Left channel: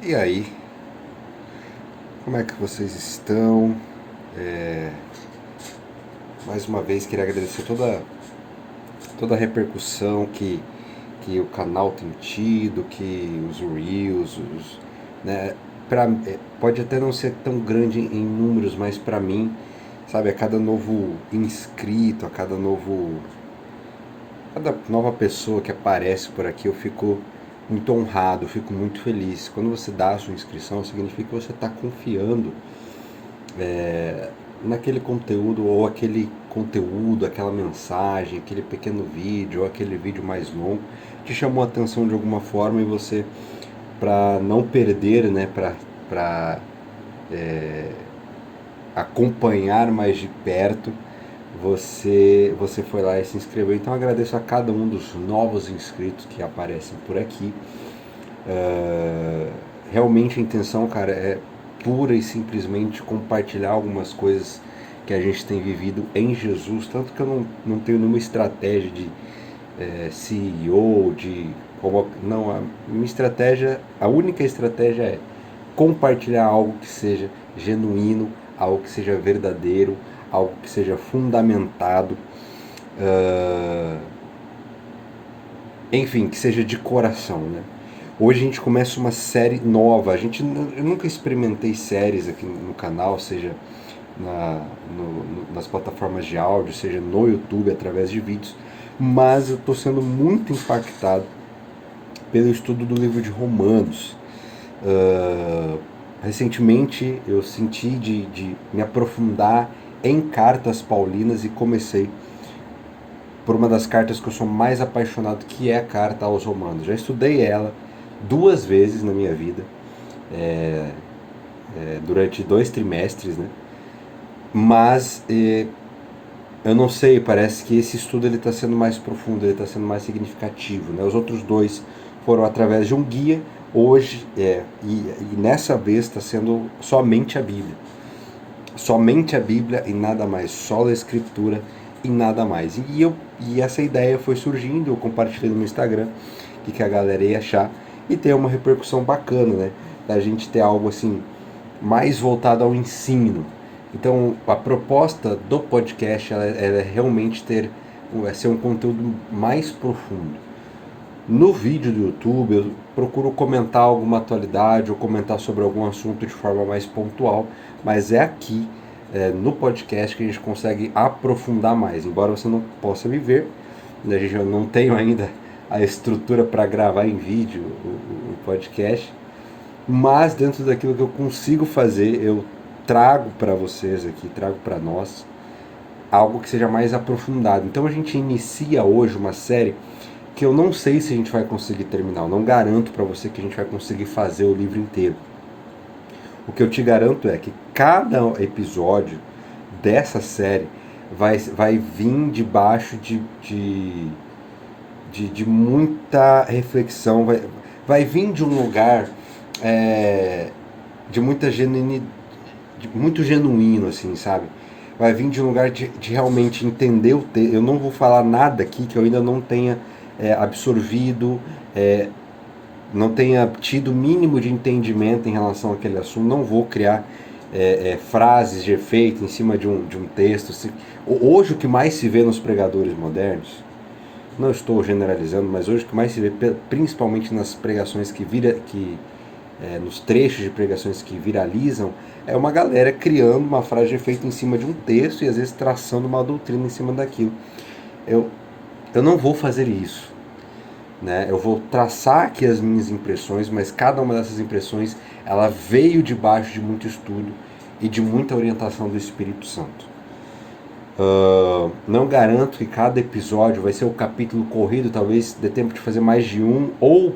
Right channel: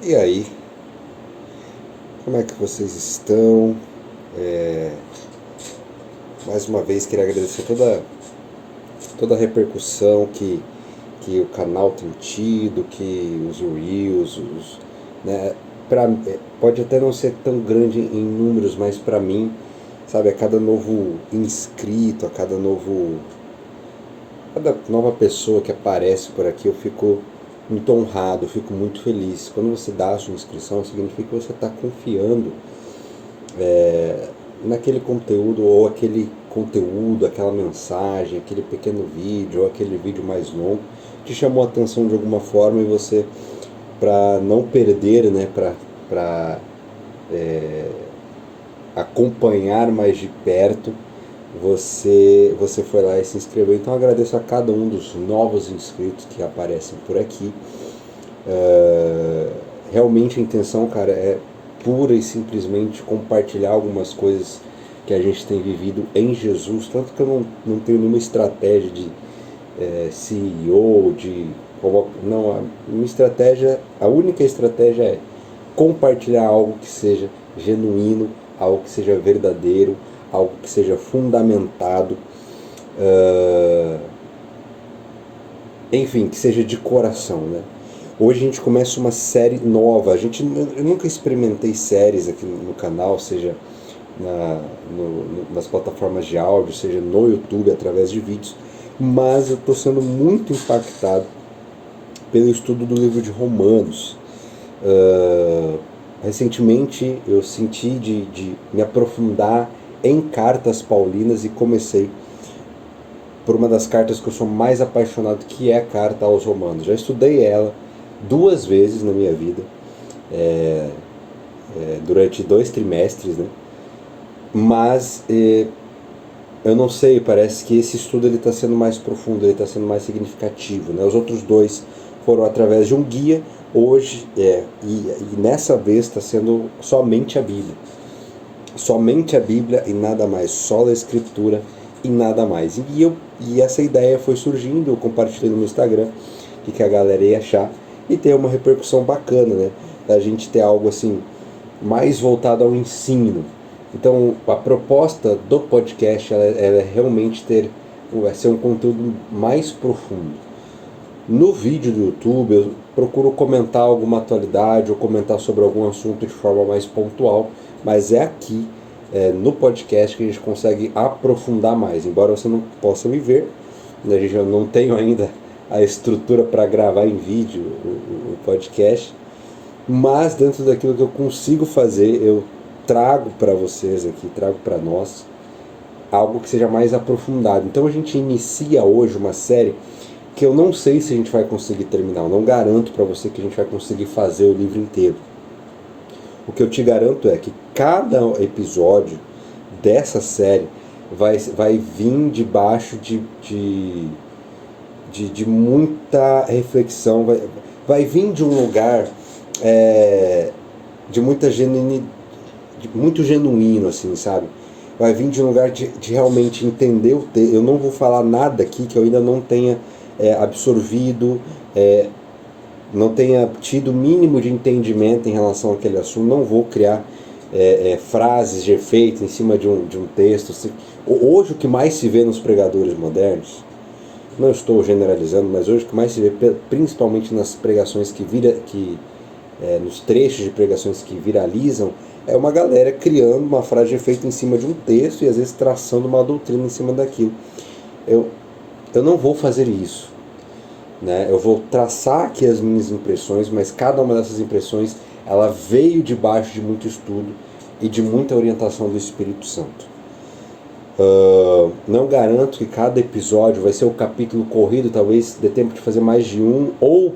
E aí, como é que vocês estão? É, Mais uma vez queria agradecer toda a repercussão que o canal tem tido, que os Reels, né, pode até não ser tão grande em números, mas para mim, sabe, a cada novo inscrito, cada nova pessoa que aparece por aqui, eu fico muito honrado, eu fico muito feliz. Quando você dá a sua inscrição, significa que você está confiando naquele conteúdo, ou aquele conteúdo, aquela mensagem, aquele pequeno vídeo ou aquele vídeo mais longo te chamou a atenção de alguma forma, e você, para não perder, né, para acompanhar mais de perto, você foi lá e se inscreveu. Então eu agradeço a cada um dos novos inscritos que aparecem por aqui. Realmente a intenção, cara, é pura e simplesmente compartilhar algumas coisas que a gente tem vivido em Jesus. Tanto que eu não tenho nenhuma estratégia de CEO, não, a minha estratégia, a única estratégia é compartilhar algo que seja genuíno, algo que seja verdadeiro, algo que seja fundamentado, uh, enfim, que seja de coração, né? Hoje a gente começa uma série nova. Eu nunca experimentei séries aqui no canal, seja nas plataformas de áudio, seja no YouTube através de vídeos, mas eu estou sendo muito impactado pelo estudo do livro de Romanos. Recentemente eu senti de me aprofundar em cartas paulinas e comecei por uma das cartas que eu sou mais apaixonado, que é a carta aos Romanos. Já estudei ela 2 vezes na minha vida, durante 2 trimestres, né? Mas eu não sei, parece que esse estudo ele está sendo mais profundo, ele está sendo mais significativo, né? Os outros dois foram através de um guia, hoje e nessa vez está sendo somente a Bíblia e nada mais, só a Escritura e nada mais. E essa ideia foi surgindo, eu compartilhei no meu Instagram, que a galera ia achar, e ter uma repercussão bacana, né? Da gente ter algo assim mais voltado ao ensino. Então, a proposta do podcast ela é realmente ser um conteúdo mais profundo. No vídeo do YouTube, eu procuro comentar alguma atualidade ou comentar sobre algum assunto de forma mais pontual, mas é aqui, no podcast, que a gente consegue aprofundar mais. Embora você não possa me ver, né, eu não tenho ainda a estrutura para gravar em vídeo o podcast, mas dentro daquilo que eu consigo fazer, eu trago para vocês aqui, trago para nós algo que seja mais aprofundado. Então a gente inicia hoje uma série que eu não sei se a gente vai conseguir terminar. Eu não garanto para você que a gente vai conseguir fazer o livro inteiro. O que eu te garanto é que cada episódio dessa série vai vir debaixo de muita reflexão, vai vir de um lugar de muita muito genuíno, assim, sabe? Vai vir de um lugar de realmente entender o texto. Eu não vou falar nada aqui que eu ainda não tenha absorvido, não tenha tido o mínimo de entendimento em relação àquele assunto. Não vou criar frases de efeito em cima de um texto. Hoje o que mais se vê nos pregadores modernos, não estou generalizando, mas hoje o que mais se vê, principalmente nas pregações nos trechos de pregações que viralizam, é uma galera criando uma frase de efeito em cima de um texto e às vezes traçando uma doutrina em cima daquilo. Eu não vou fazer isso, né? Eu vou traçar aqui as minhas impressões, mas cada uma dessas impressões ela veio debaixo de muito estudo e de muita orientação do Espírito Santo. Não garanto que cada episódio vai ser o capítulo corrido, talvez dê tempo de fazer mais de um, ou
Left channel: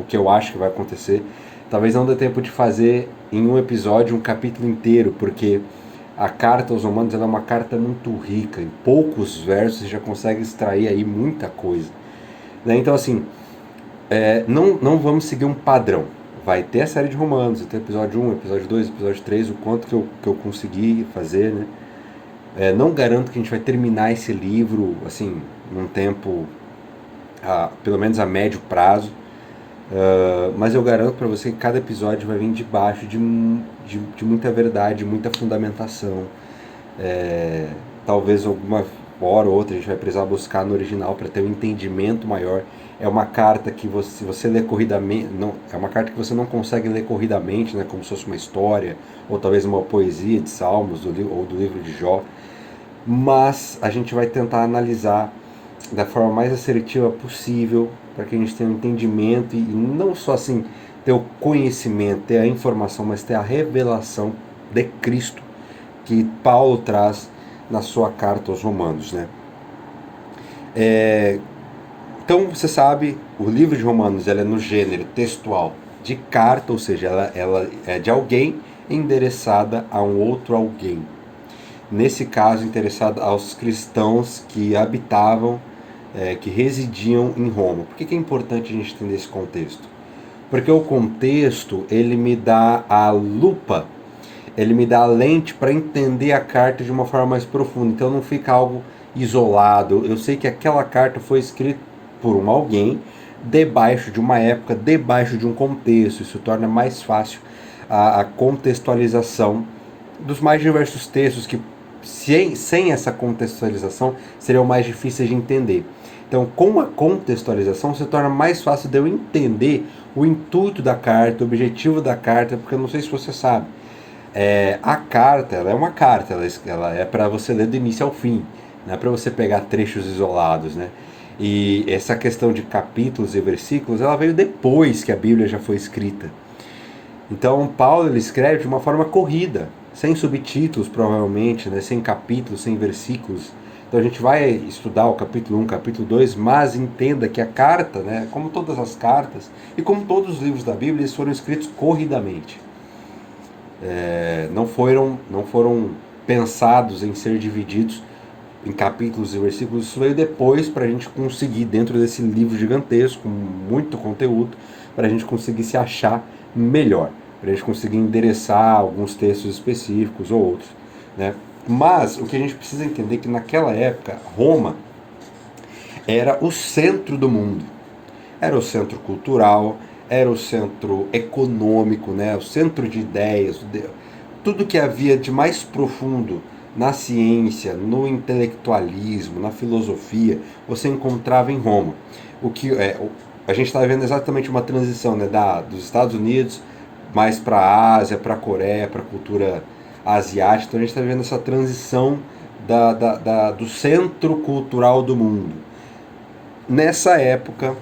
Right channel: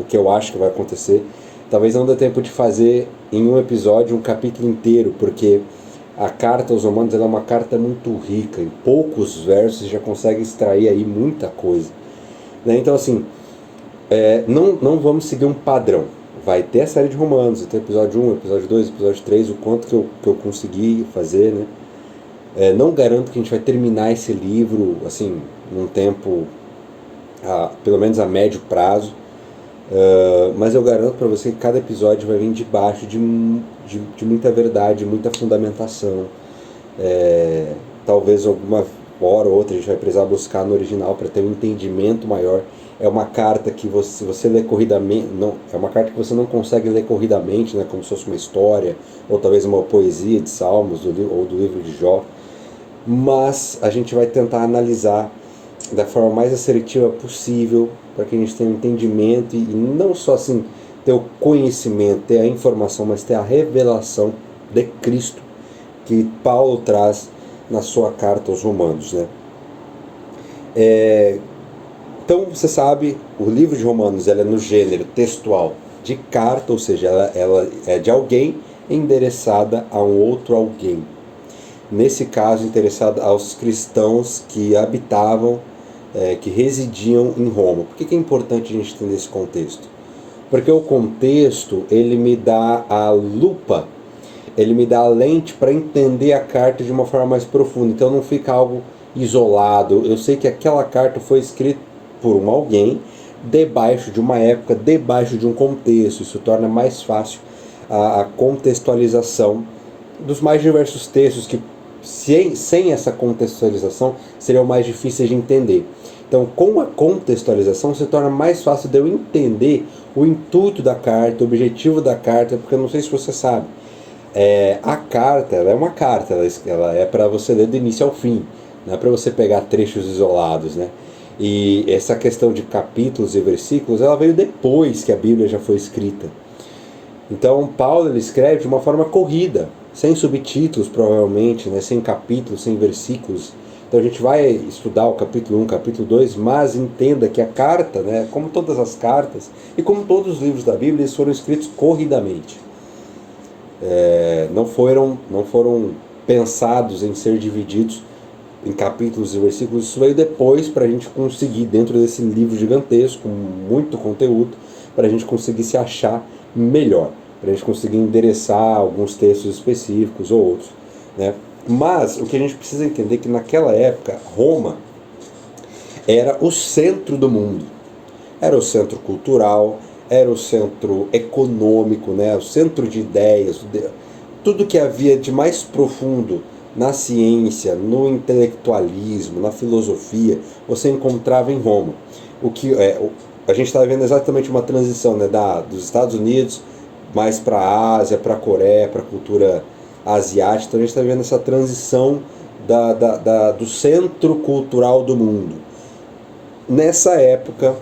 o que eu acho que vai acontecer, talvez não dê tempo de fazer em um episódio um capítulo inteiro, porque a carta aos Romanos é uma carta muito rica, em poucos versos você já consegue extrair aí muita coisa, né? Então assim, não vamos seguir um padrão. Vai ter a série de Romanos, vai ter episódio 1, episódio 2, episódio 3, o quanto que eu consegui fazer, né? Não garanto que a gente vai terminar esse livro assim num tempo, pelo menos a médio prazo, Mas eu garanto para você que cada episódio vai vir debaixo de muita verdade, muita fundamentação. Talvez alguma hora ou outra a gente vai precisar buscar no original para ter um entendimento maior. É uma carta que se você lê corridamente, não, é uma carta que você não consegue ler corridamente, né, como se fosse uma história, ou talvez uma poesia de Salmos ou do livro de Jó. Mas a gente vai tentar analisar da forma mais assertiva possível para que a gente tenha um entendimento e não só assim ter o conhecimento, ter a informação, mas ter a revelação de Cristo que Paulo traz na sua carta aos Romanos, né? Então você sabe, o livro de Romanos ela é no gênero textual de carta, ou seja, ela é de alguém endereçada a um outro alguém. Nesse caso, interessado aos cristãos que habitavam, que residiam em Roma. Por que é importante a gente entender esse contexto? Porque o contexto, ele me dá a lupa, ele me dá a lente para entender a carta de uma forma mais profunda. Então não fica algo isolado. Eu sei que aquela carta foi escrita por alguém, debaixo de uma época, debaixo de um contexto. Isso torna mais fácil a contextualização dos mais diversos textos que sem essa contextualização seriam mais difíceis de entender. Então, com a contextualização, se torna mais fácil de eu entender o intuito da carta, o objetivo da carta, porque eu não sei se você sabe, a carta, ela é uma carta, ela é para você ler do início ao fim, não é para você pegar trechos isolados, né? E essa questão de capítulos e versículos, ela veio depois que a Bíblia já foi escrita. Então, Paulo ele escreve de uma forma corrida, sem subtítulos provavelmente, né? Sem capítulos, sem versículos. Então a gente vai estudar o capítulo 1, capítulo 2, mas entenda que a carta, né, como todas as cartas, e como todos os livros da Bíblia, eles foram escritos corridamente. Não foram pensados em ser divididos em capítulos e versículos. Isso veio depois para a gente conseguir, dentro desse livro gigantesco, com muito conteúdo, para a gente conseguir se achar melhor, para a gente conseguir endereçar alguns textos específicos ou outros, né? Mas o que a gente precisa entender é que naquela época, Roma era o centro do mundo. Era o centro cultural, era o centro econômico, né? O centro de ideias, tudo que havia de mais profundo na ciência, no intelectualismo, na filosofia, você encontrava em Roma. A gente está vendo exatamente uma transição, né, dos Estados Unidos mais para a Ásia, para a Coreia, para a cultura asiática. Então a gente está vendo essa transição do centro cultural do mundo. Nessa época,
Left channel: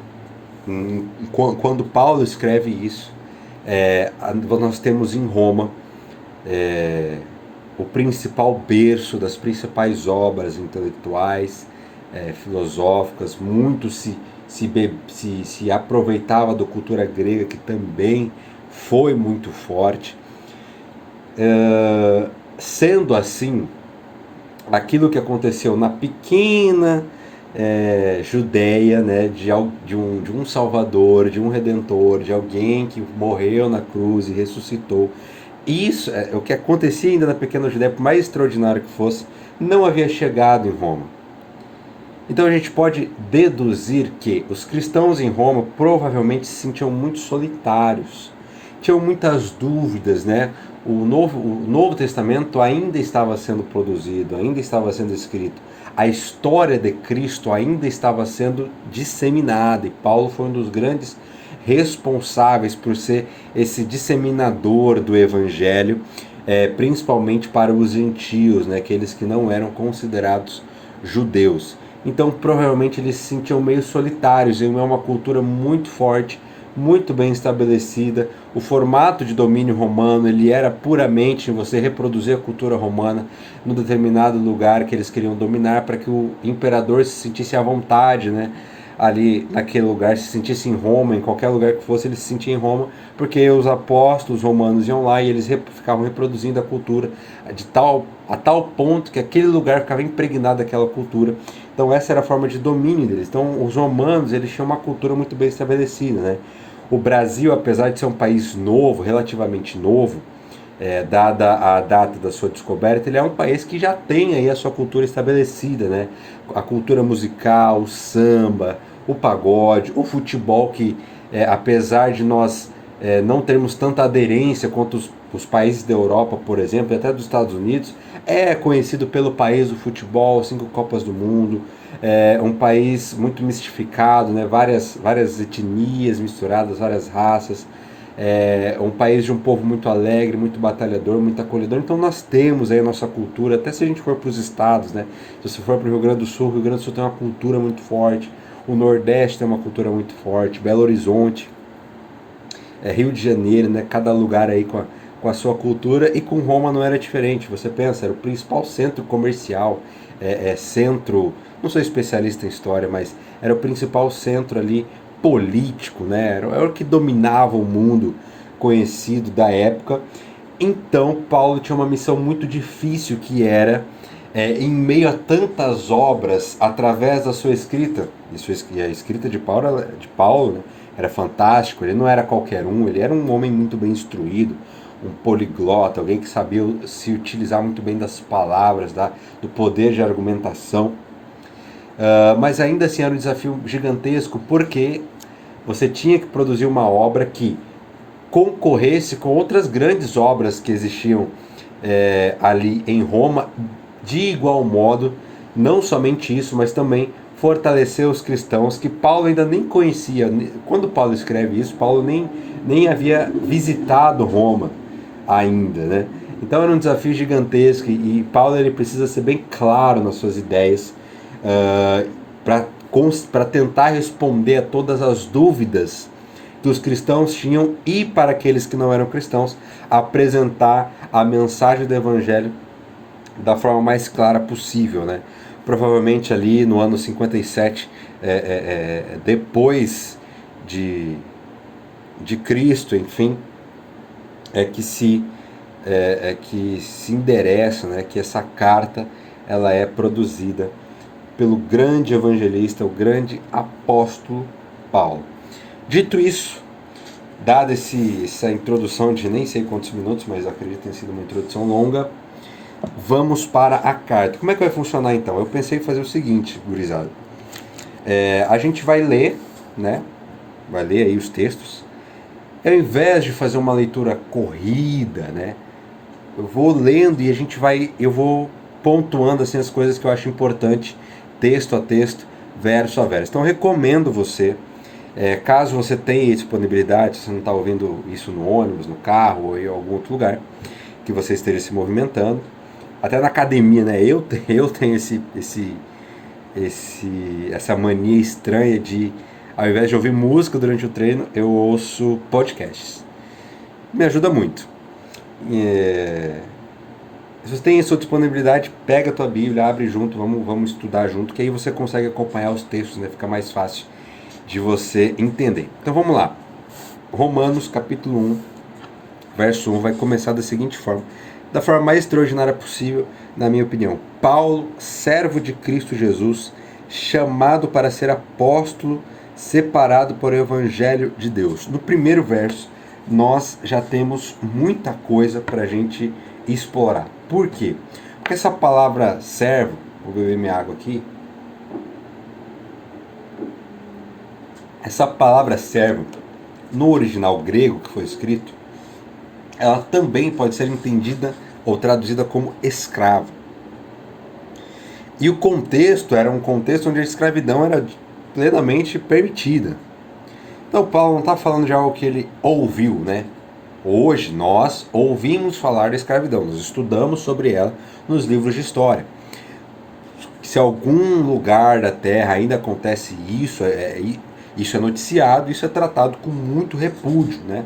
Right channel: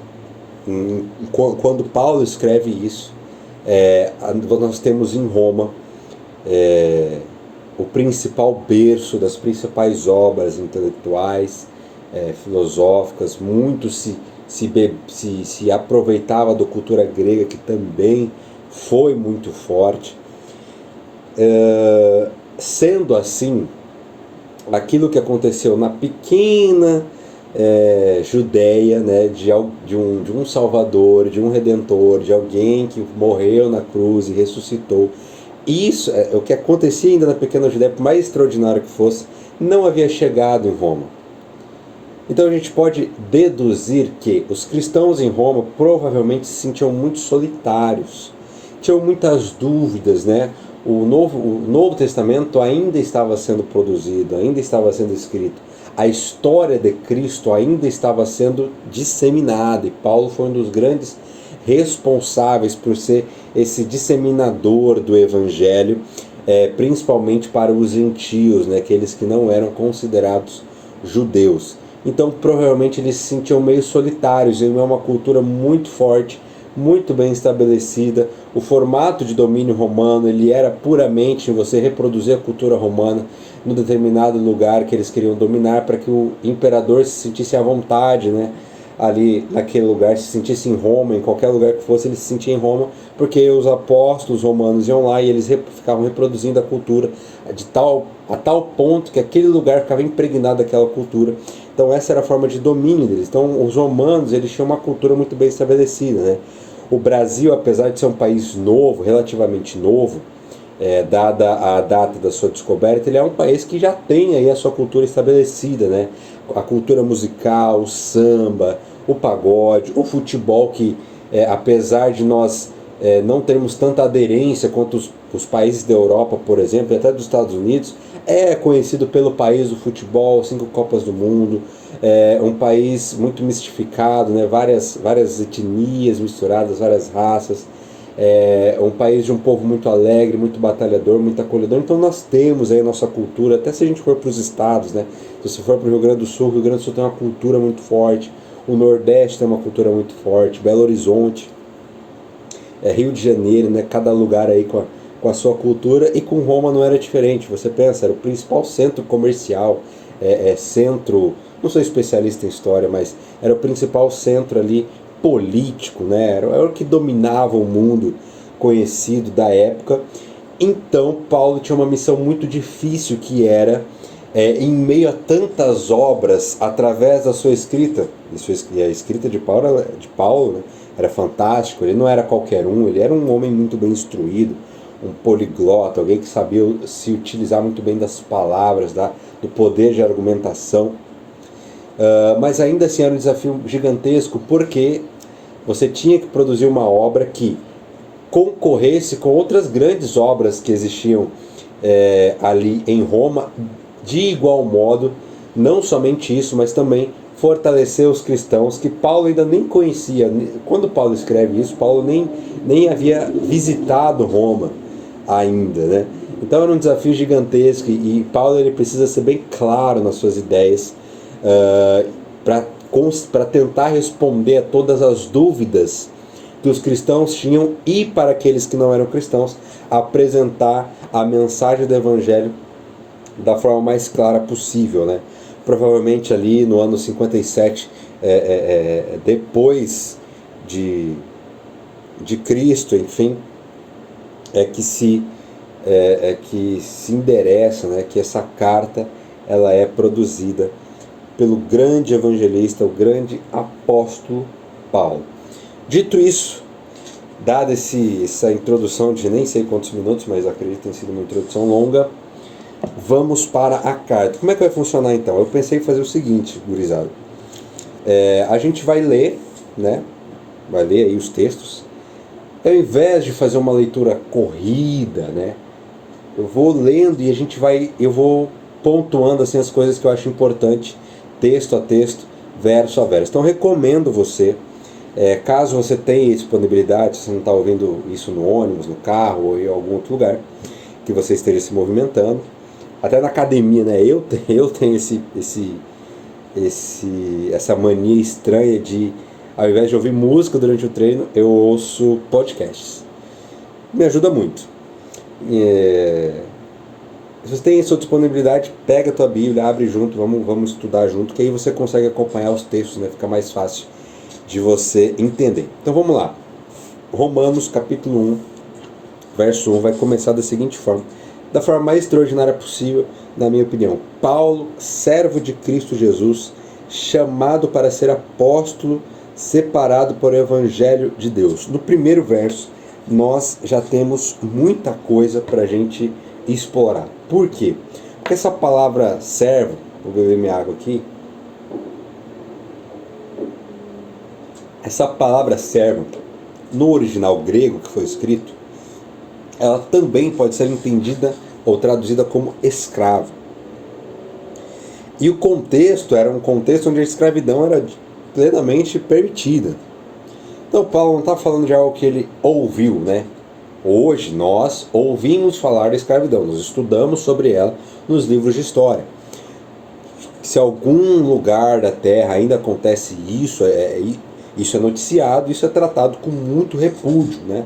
quando Paulo escreve isso, nós temos em Roma o principal berço das principais obras intelectuais, filosóficas. Muito se aproveitava da cultura grega, que também foi muito forte. Sendo assim, aquilo que aconteceu na pequena Judéia, né, de um Salvador, de um Redentor, de alguém que morreu na cruz e ressuscitou, isso, o que acontecia ainda na pequena Judéia, por mais extraordinário que fosse, não havia chegado em Roma. Então a gente pode deduzir que os cristãos em Roma provavelmente se sentiam muito solitários, tinham muitas dúvidas, né? O Novo Testamento ainda estava sendo produzido, ainda estava sendo escrito. A história de Cristo ainda estava sendo disseminada, e Paulo foi um dos grandes responsáveis por ser esse disseminador do Evangelho, principalmente para os gentios, né? Aqueles que não eram considerados judeus. Então provavelmente eles se sentiam meio solitários em uma cultura muito forte, muito bem estabelecida. O formato de domínio romano, ele era puramente você reproduzir a cultura romana num determinado lugar que eles queriam dominar, para que o imperador se sentisse à vontade, né? Ali naquele lugar, se sentisse em Roma, em qualquer lugar que fosse, ele se sentia em Roma, porque os apóstolos romanos iam lá e eles ficavam reproduzindo a cultura a tal ponto que aquele lugar ficava impregnado daquela cultura. Então essa era a forma de domínio deles. Então os romanos, eles tinham uma cultura muito bem estabelecida, né? O Brasil, apesar de ser um país novo, relativamente novo, dada a data da sua descoberta, ele é um país que já tem aí a sua cultura estabelecida, né? A cultura musical, o samba, o pagode, o futebol, que apesar de nós não termos tanta aderência quanto os países da Europa, por exemplo, e até dos Estados Unidos, é conhecido pelo país do futebol, 5 Copas do Mundo, um país muito mistificado, né? várias etnias misturadas, várias raças, um país de um povo muito alegre, muito batalhador, muito acolhedor. Então nós temos aí a nossa cultura, até se a gente for para os estados, né? Se você for para o Rio Grande do Sul tem uma cultura muito forte, o Nordeste tem uma cultura muito forte, Belo Horizonte, Rio de Janeiro, né? Cada lugar aí com a sua cultura, e com Roma não era diferente. Você pensa, era o principal centro comercial, centro, não sou especialista em história, mas era o principal centro ali político, né? Era o que dominava o mundo conhecido da época. Então Paulo tinha uma missão muito difícil, que era, em meio a tantas obras, através da sua escrita, e a escrita de Paulo, né, era fantástico. Ele não era qualquer um, ele era um homem muito bem instruído, um poliglota, alguém que sabia se utilizar muito bem das palavras, do poder de argumentação. Mas ainda assim era um desafio gigantesco, porque você tinha que produzir uma obra que concorresse com outras grandes obras que existiam ali em Roma, de igual modo. Não somente isso, mas também fortalecer os cristãos, que Paulo ainda nem conhecia. Quando Paulo escreve isso, Paulo nem havia visitado Roma ainda, né? Então era um desafio gigantesco, e Paulo ele precisa ser bem claro nas suas ideias, para tentar responder a todas as dúvidas que os cristãos tinham, e para aqueles que não eram cristãos, apresentar a mensagem do Evangelho da forma mais clara possível, né? Provavelmente ali no ano 57, depois de Cristo, enfim, que se endereça, né? Que essa carta ela é produzida pelo grande evangelista, o grande apóstolo Paulo. Dito isso, dada essa introdução de nem sei quantos minutos, mas acredito que tenha sido uma introdução longa, vamos para a carta. Como é que vai funcionar então? Eu pensei em fazer o seguinte, gurizada. A gente vai ler, né? Vai ler aí os textos. Ao invés de fazer uma leitura corrida, né? Eu vou lendo e eu vou pontuando assim as coisas que eu acho importante, texto a texto, verso a verso. Então recomendo você, caso você tenha disponibilidade, se você não está ouvindo isso no ônibus, no carro ou em algum outro lugar, que você esteja se movimentando, até na academia, né? Eu tenho essa mania estranha de, ao invés de ouvir música durante o treino, eu ouço podcasts. Me ajuda muito. Se você tem a sua disponibilidade, pega a tua Bíblia, abre junto, vamos estudar junto, que aí você consegue acompanhar os textos, né? Fica mais fácil de você entender. Então vamos lá. Romanos capítulo 1, verso 1, vai começar da seguinte forma, da forma mais extraordinária possível, na minha opinião. Paulo, servo de Cristo Jesus, chamado para ser apóstolo, separado para o Evangelho de Deus. No primeiro verso, nós já temos muita coisa para a gente explorar. Por quê? Porque essa palavra servo, vou beber minha água aqui, essa palavra servo, no original grego que foi escrito, ela também pode ser entendida ou traduzida como escravo. E o contexto era um contexto onde a escravidão era plenamente permitida. Então Paulo não está falando de algo que ele ouviu, né? Hoje nós ouvimos falar da escravidão, nós estudamos sobre ela nos livros de história. Se algum lugar da Terra ainda acontece isso, isso é noticiado, isso é tratado com muito repúdio, né?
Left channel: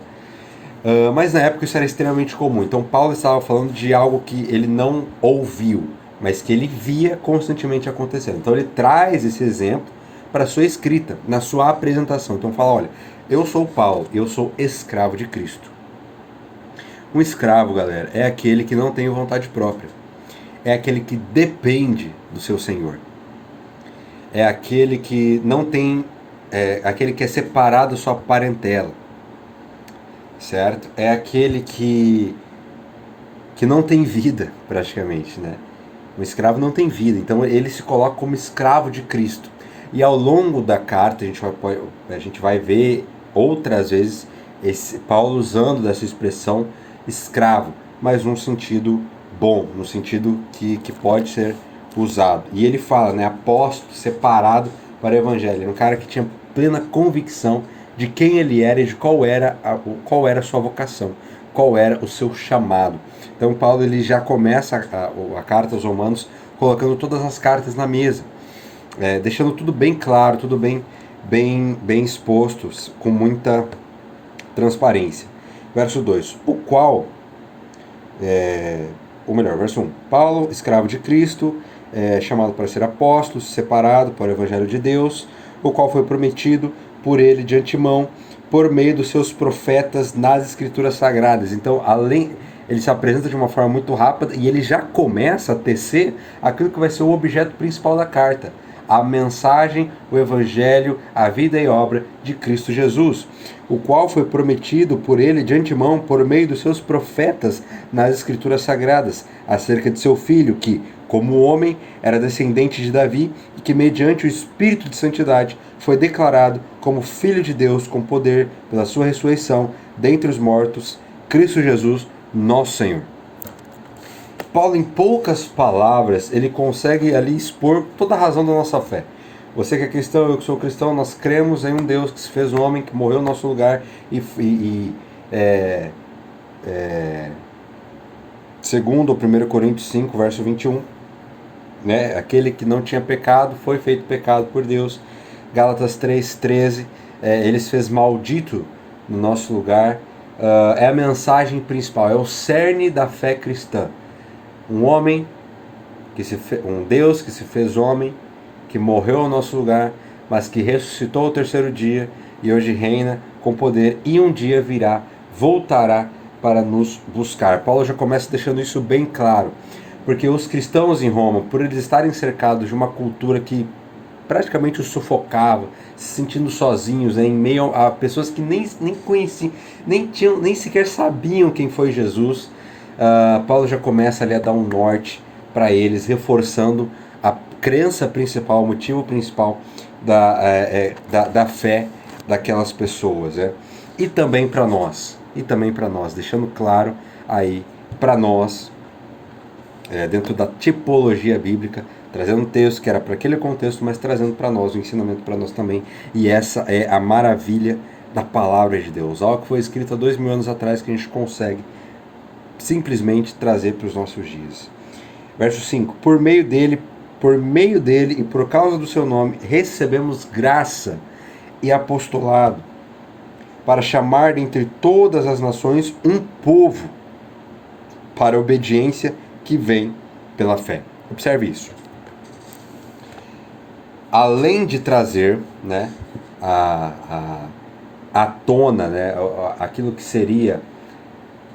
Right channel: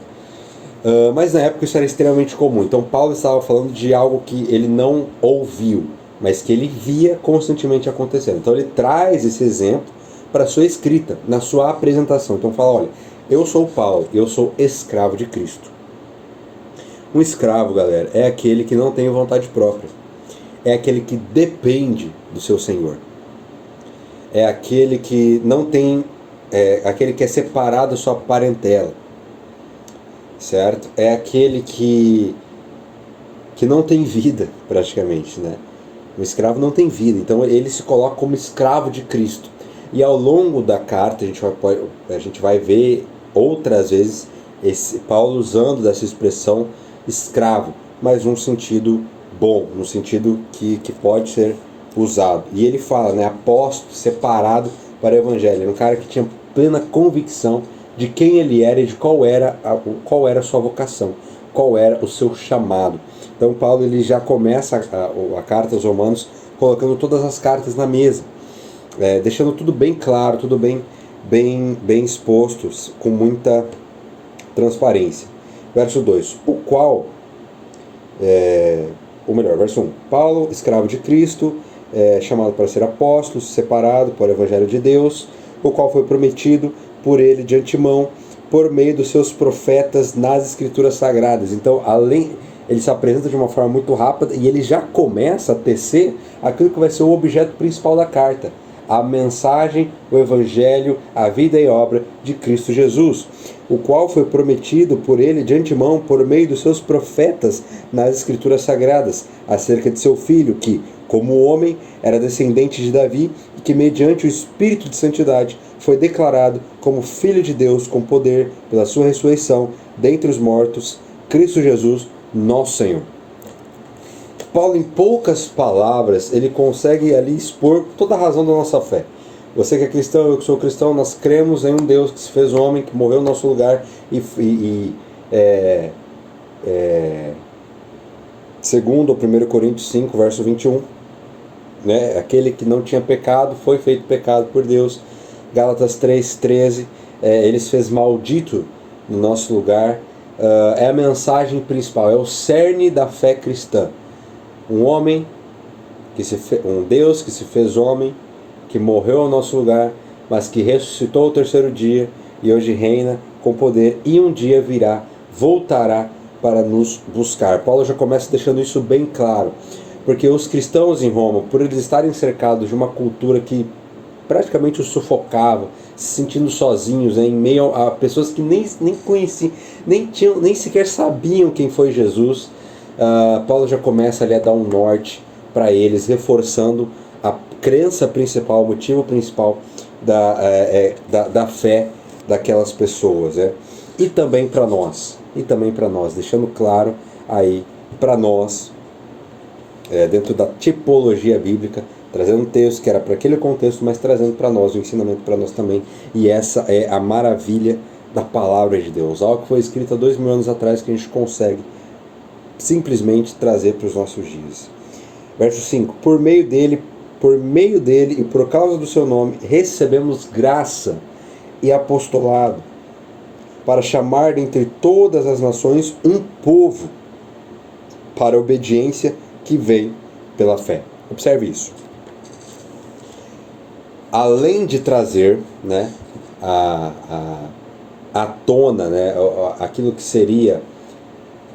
Mas na época isso era extremamente comum. Então Paulo estava falando de algo que ele não ouviu, mas que ele via constantemente acontecendo. Então ele traz esse exemplo para a sua escrita, na sua apresentação. Então fala, olha, eu sou Paulo, eu sou escravo de Cristo. Um escravo, galera, é aquele que não tem vontade própria. É aquele que depende do seu senhor. É aquele que não tem, aquele que é separado da sua parentela. Certo? É aquele que não tem vida, praticamente, né? O escravo não tem vida, então ele se coloca como escravo de Cristo. E ao longo da carta a gente vai ver outras vezes Paulo usando dessa expressão escravo, mas num sentido bom, no sentido que pode ser usado. E ele fala, né, apóstolo separado para o evangelho, um cara que tinha plena convicção de quem ele era e de qual era a sua vocação, qual era o seu chamado. Então Paulo ele já começa a carta aos Romanos colocando todas as cartas na mesa, deixando tudo bem claro, tudo bem exposto, com muita transparência. Verso 2, verso 1, Paulo, escravo de Cristo, chamado para ser apóstolo, separado para o evangelho de Deus, o qual foi prometido por ele de antemão, por meio dos seus profetas nas escrituras sagradas. Então, ele se apresenta de uma forma muito rápida e ele já começa a tecer aquilo que vai ser o objeto principal da carta: a mensagem, o evangelho, a vida e obra de Cristo Jesus, o qual foi prometido por ele de antemão por meio dos seus profetas nas escrituras sagradas, acerca de seu filho, que, como homem, era descendente de Davi e que, mediante o Espírito de Santidade, foi declarado como Filho de Deus com poder pela sua ressurreição dentre os mortos, Cristo Jesus, nosso Senhor. Paulo, em poucas palavras, ele consegue ali expor toda a razão da nossa fé. Você que é cristão, eu que sou cristão, nós cremos em um Deus que se fez homem, que morreu no nosso lugar segundo 1 Coríntios 5, verso 21, né? Aquele que não tinha pecado foi feito pecado por Deus. Gálatas 3:13, ele se fez maldito no nosso lugar. É a mensagem principal, é o cerne da fé cristã. Um Deus que se fez homem, que morreu ao nosso lugar, mas que ressuscitou ao terceiro dia e hoje reina com poder e um dia voltará para nos buscar. Paulo já começa deixando isso bem claro, porque os cristãos em Roma, por eles estarem cercados de uma cultura que praticamente os sufocava, se sentindo sozinhos, em meio a pessoas que nem conheciam, nem sequer sabiam quem foi Jesus, Paulo já começa ali a dar um norte para eles, reforçando a crença principal, o motivo principal da fé daquelas pessoas, e também para nós, deixando claro aí para nós, dentro da tipologia bíblica, trazendo um texto que era para aquele contexto, mas trazendo para nós, o ensinamento para nós também, e essa é a maravilha da palavra de Deus, algo que foi escrito há 2000 anos atrás, que a gente consegue simplesmente trazer para os nossos dias. Verso 5, por meio dele e por causa do seu nome, recebemos graça e apostolado, para chamar dentre todas as nações um povo para a obediência que vem pela fé. Observe isso. Além de trazer, né, à tona, né, aquilo que seria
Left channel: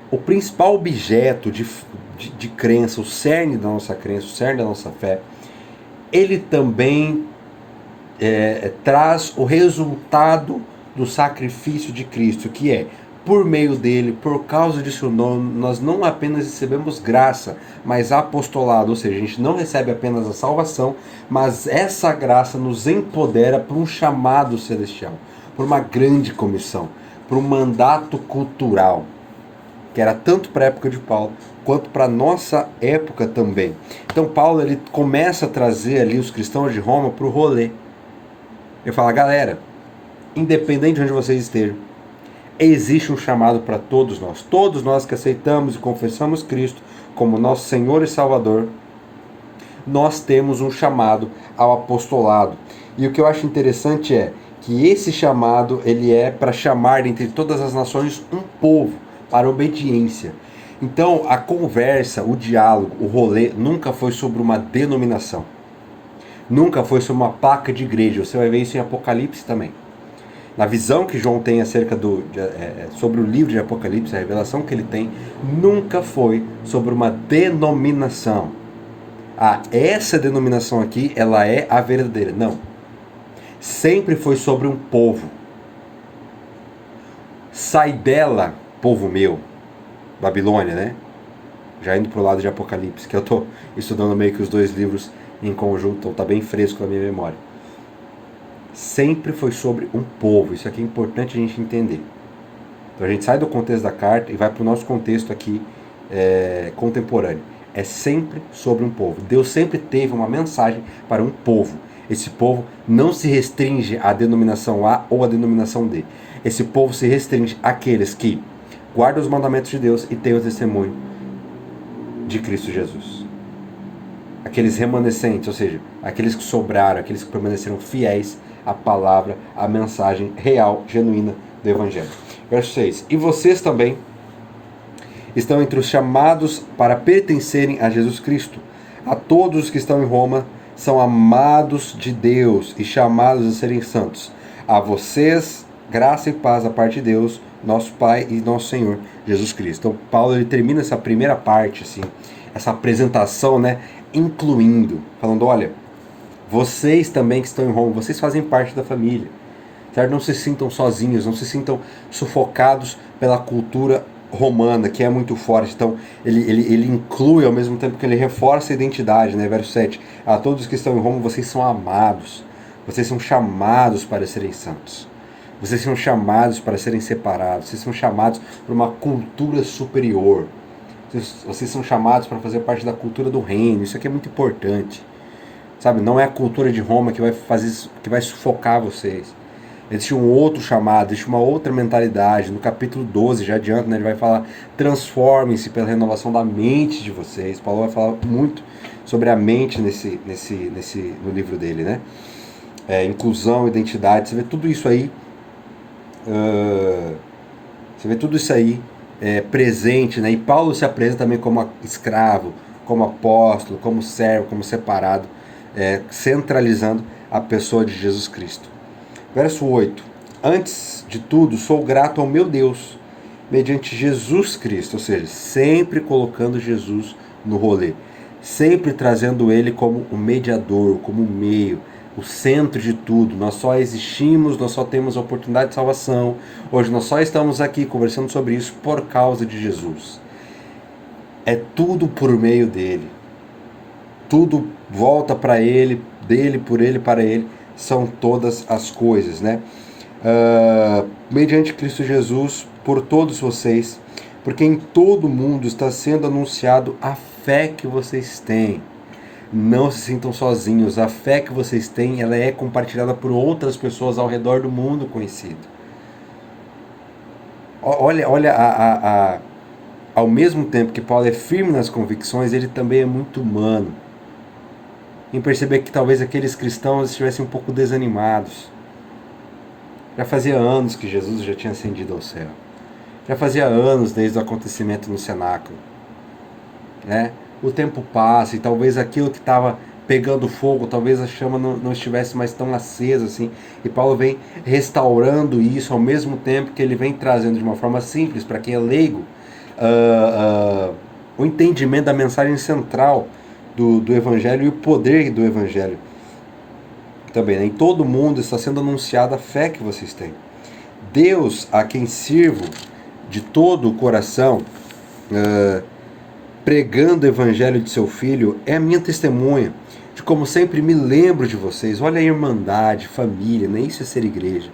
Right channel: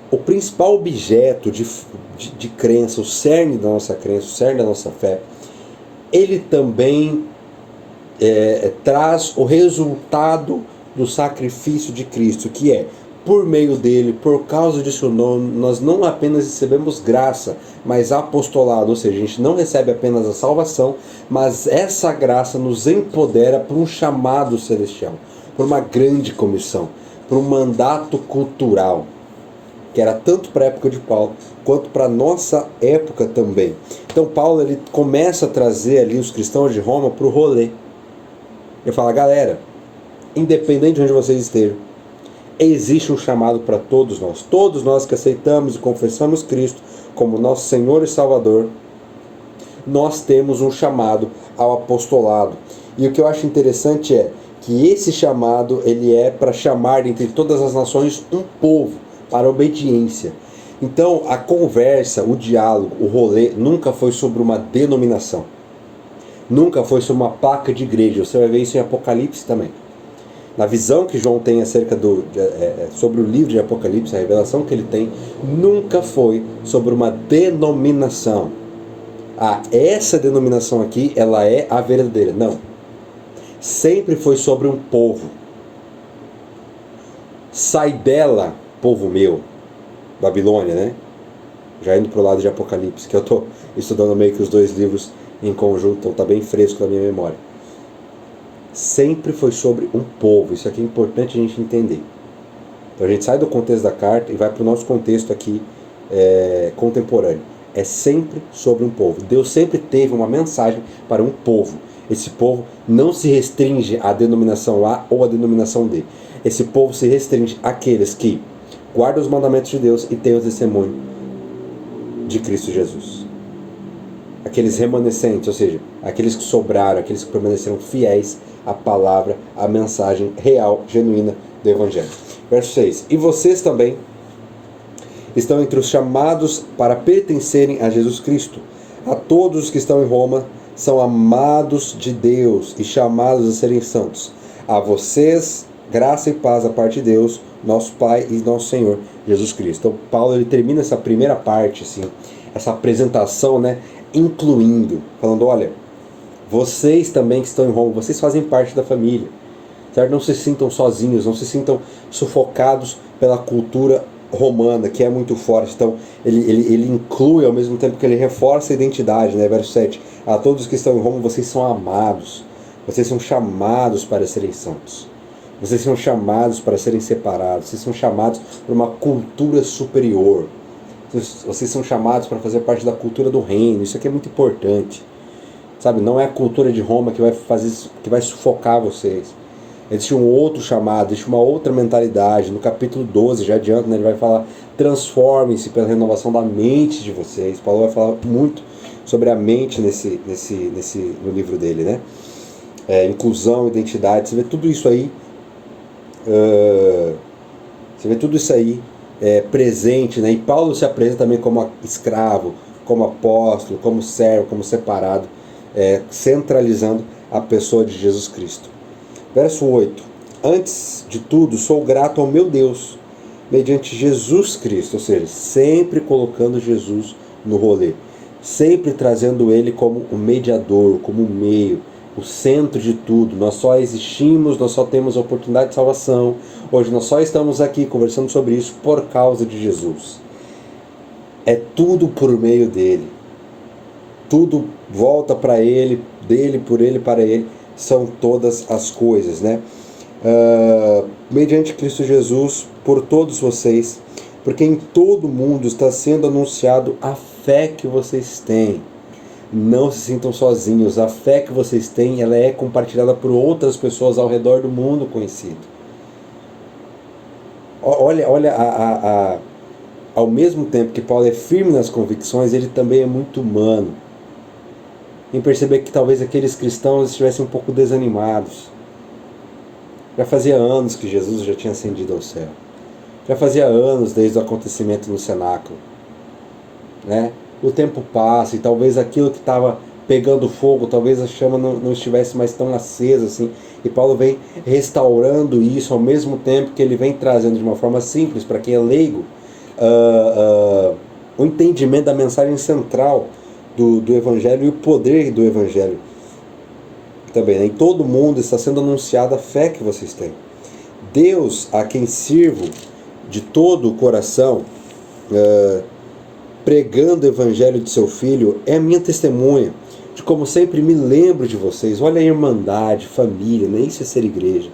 o principal objeto de crença, o cerne da nossa crença, o cerne da nossa fé, ele também traz o resultado do sacrifício de Cristo, que é, por meio dele, por causa de seu nome, nós não apenas recebemos graça, mas apostolado, ou seja, a gente não recebe apenas a salvação, mas essa graça nos empodera para um chamado celestial, por uma grande comissão, por um mandato cultural, que era tanto para a época de Paulo, quanto para a nossa época também. Então Paulo ele começa a trazer ali os cristãos de Roma para o rolê. Ele fala, galera, independente de onde vocês estejam, existe um chamado para todos nós que aceitamos e confessamos Cristo como nosso Senhor e Salvador, nós temos um chamado ao apostolado. E o que eu acho interessante é que esse chamado ele é para chamar entre todas as nações um povo para obediência. Então a conversa, o diálogo, o rolê nunca foi sobre uma denominação, nunca foi sobre uma placa de igreja. Você vai ver isso em Apocalipse também. Na visão que João tem acerca sobre o livro de Apocalipse, a revelação que ele tem, nunca foi sobre uma denominação. Essa denominação aqui, ela é a verdadeira. Não. Sempre foi sobre um povo. Sai dela, povo meu. Babilônia, né? Já indo para o lado de Apocalipse, que eu estou estudando meio que os dois livros em conjunto, então está bem fresco na minha memória. sempre foi sobre um povo. Isso aqui é importante a gente entender. Então a gente sai do contexto da carta e vai para o nosso contexto aqui contemporâneo. É sempre sobre um povo. Deus sempre teve uma mensagem para um povo. Esse povo não se restringe à denominação A ou à denominação D. Esse povo se restringe àqueles que guardam os mandamentos de Deus e têm o testemunho de Cristo Jesus. Aqueles remanescentes, ou seja, aqueles que sobraram, aqueles que permaneceram fiéis à palavra, à mensagem real, genuína do Evangelho. Verso 6. E vocês também estão entre os chamados para pertencerem a Jesus Cristo. A todos os que estão em Roma são amados de Deus e chamados a serem santos. A vocês, graça e paz da parte de Deus, nosso Pai e nosso Senhor Jesus Cristo. Então Paulo ele termina essa primeira parte, assim, essa apresentação, né, incluindo, falando, olha, vocês também que estão em Roma, vocês fazem parte da família. Certo? Não se sintam sozinhos, não se sintam sufocados pela cultura romana, que é muito forte. Então, ele inclui, ao mesmo tempo que ele reforça a identidade, né? Verso 7. A todos que estão em Roma, vocês são amados. Vocês são chamados para serem santos. Vocês são chamados para serem separados. Vocês são chamados para uma cultura superior. Vocês são chamados para fazer parte da cultura do reino. Isso aqui é muito importante. Sabe? Não é a cultura de Roma que vai fazer isso, que vai sufocar vocês. Existe um outro chamado, existe uma outra mentalidade. No capítulo 12, já adianta, né, ele vai falar: transformem-se pela renovação da mente de vocês. Paulo vai falar muito sobre a mente no livro dele, né? Inclusão, identidade, você vê tudo isso aí. Presente, né? E Paulo se apresenta também como escravo, como apóstolo, como servo, como separado, centralizando a pessoa de Jesus Cristo. Verso 8. Antes de tudo, sou grato ao meu Deus, mediante Jesus Cristo, ou seja, sempre colocando Jesus no rolê, sempre trazendo ele como o mediador, como o meio, o centro de tudo. Nós só existimos, nós só temos a oportunidade de salvação. Hoje nós só estamos aqui conversando sobre isso por causa de Jesus. É tudo por meio dele. Tudo volta para ele, dele, por ele, para ele. São todas as coisas, né? Mediante Cristo Jesus, por todos vocês, porque em todo mundo está sendo anunciado a fé que vocês têm. Não se sintam sozinhos. A fé que vocês têm, ela é compartilhada por outras pessoas ao redor do mundo conhecido. Olha, ao mesmo tempo que Paulo é firme nas convicções, ele também é muito humano. Em perceber que talvez aqueles cristãos estivessem um pouco desanimados. Já fazia anos que Jesus já tinha ascendido ao céu. Já fazia anos desde o acontecimento no cenáculo, né? O tempo passa e talvez aquilo que estava pegando fogo, talvez a chama não estivesse mais tão acesa assim. E Paulo vem restaurando isso ao mesmo tempo que ele vem trazendo de uma forma simples para quem é leigo o entendimento da mensagem central do Evangelho e o poder do Evangelho. Também, né? Em todo mundo está sendo anunciada a fé que vocês têm. Deus, a quem sirvo de todo o coração, pregando o Evangelho de seu Filho, é a minha testemunha de como sempre me lembro de vocês. Olha a irmandade, família, nem isso é ser igreja.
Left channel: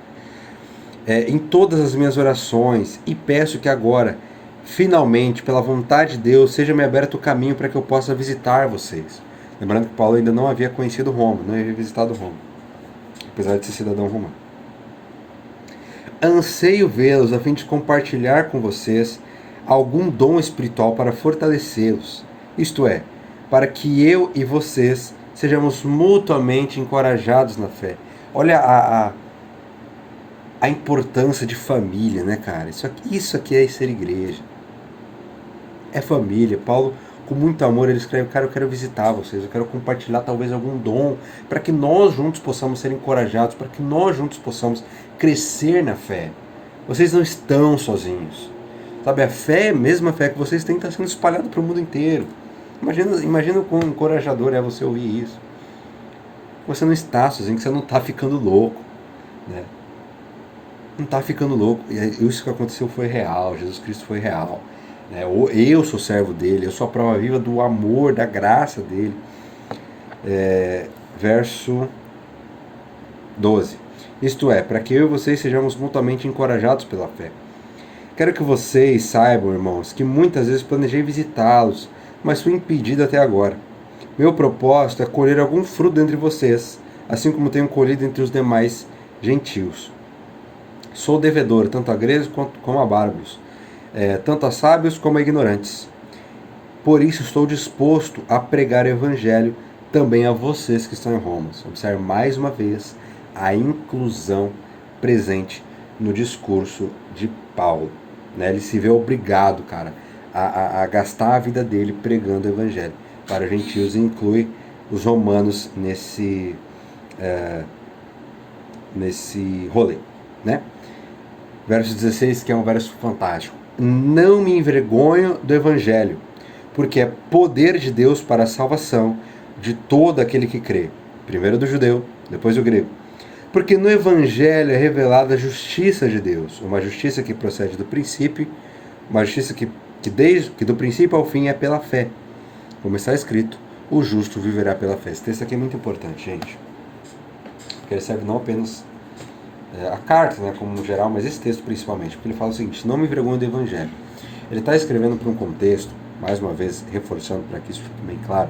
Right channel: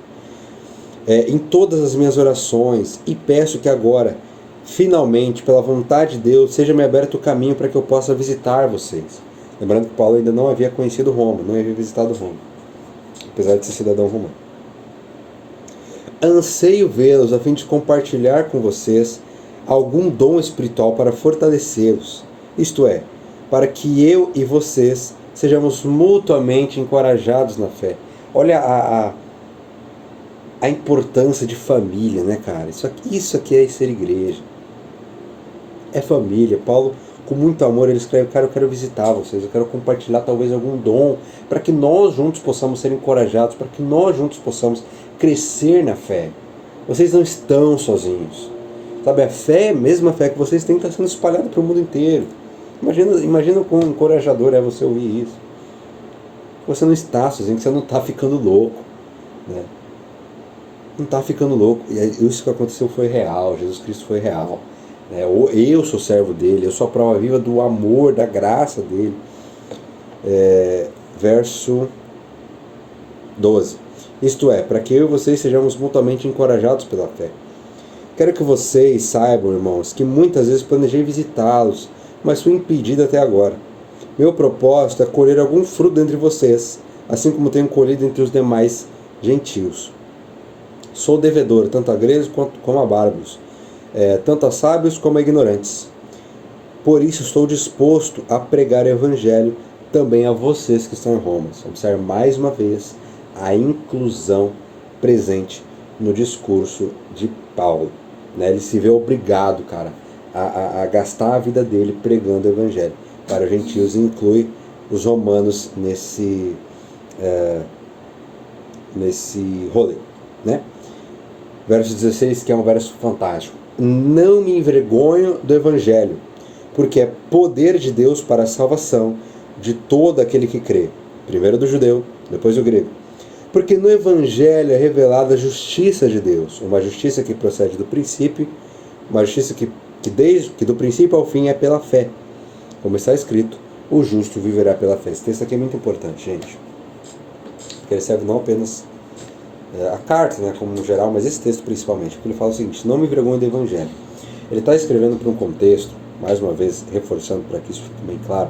Em todas as minhas orações, e peço que agora, finalmente, pela vontade de Deus, seja-me aberto o caminho para que eu possa visitar vocês. Lembrando que Paulo ainda não havia conhecido Roma, não havia visitado Roma, apesar de ser cidadão romano. Anseio vê-los a fim de compartilhar com vocês algum dom espiritual para fortalecê-los, isto é, para que eu e vocês sejamos mutuamente encorajados na fé. Olha a importância de família, né, cara? Isso aqui é ser igreja. É família. Paulo, com muito amor, ele escreve: cara, eu quero visitar vocês, eu quero compartilhar talvez algum dom, para que nós juntos possamos ser encorajados, para que nós juntos possamos crescer na fé. Vocês não estão sozinhos. Sabe, a fé, a mesma fé que vocês têm, está sendo espalhada para o mundo inteiro. Imagina o quão encorajador é você ouvir isso. Você não está sozinho, que você não está ficando louco, né? Não está ficando louco. E isso que aconteceu foi real. Jesus Cristo foi real. Eu sou servo dele, eu sou a prova viva do amor, da graça dele. Verso 12. Isto é, para que eu e vocês sejamos mutuamente encorajados pela fé. Quero que vocês saibam, irmãos, que muitas vezes planejei visitá-los, mas fui impedido até agora. Meu propósito é colher algum fruto entre vocês, assim como tenho colhido entre os demais gentios. Sou devedor, tanto a gregos como a bárbaros, tanto a sábios como a ignorantes. Por isso estou disposto a pregar o evangelho também a vocês que estão em Roma. Observe mais uma vez a inclusão presente no discurso de Paulo. Ele se vê obrigado, cara, a gastar a vida dele pregando o evangelho para gentios, e inclui os romanos nesse rolê, né? Verso 16, que é um verso fantástico. Não me envergonho do evangelho, porque é poder de Deus para a salvação de todo aquele que crê. Primeiro do judeu, depois do grego. Porque no evangelho é revelada a justiça de Deus, uma justiça que procede do princípio, uma justiça que do princípio ao fim é pela fé. Como está escrito, o justo viverá pela fé. Esse texto aqui é muito importante, gente. Porque ele serve não apenas a carta, né, como no geral, mas esse texto principalmente. Porque ele fala o seguinte: não me envergonho do evangelho. Ele está escrevendo para um contexto, mais uma vez reforçando para que isso fique bem claro,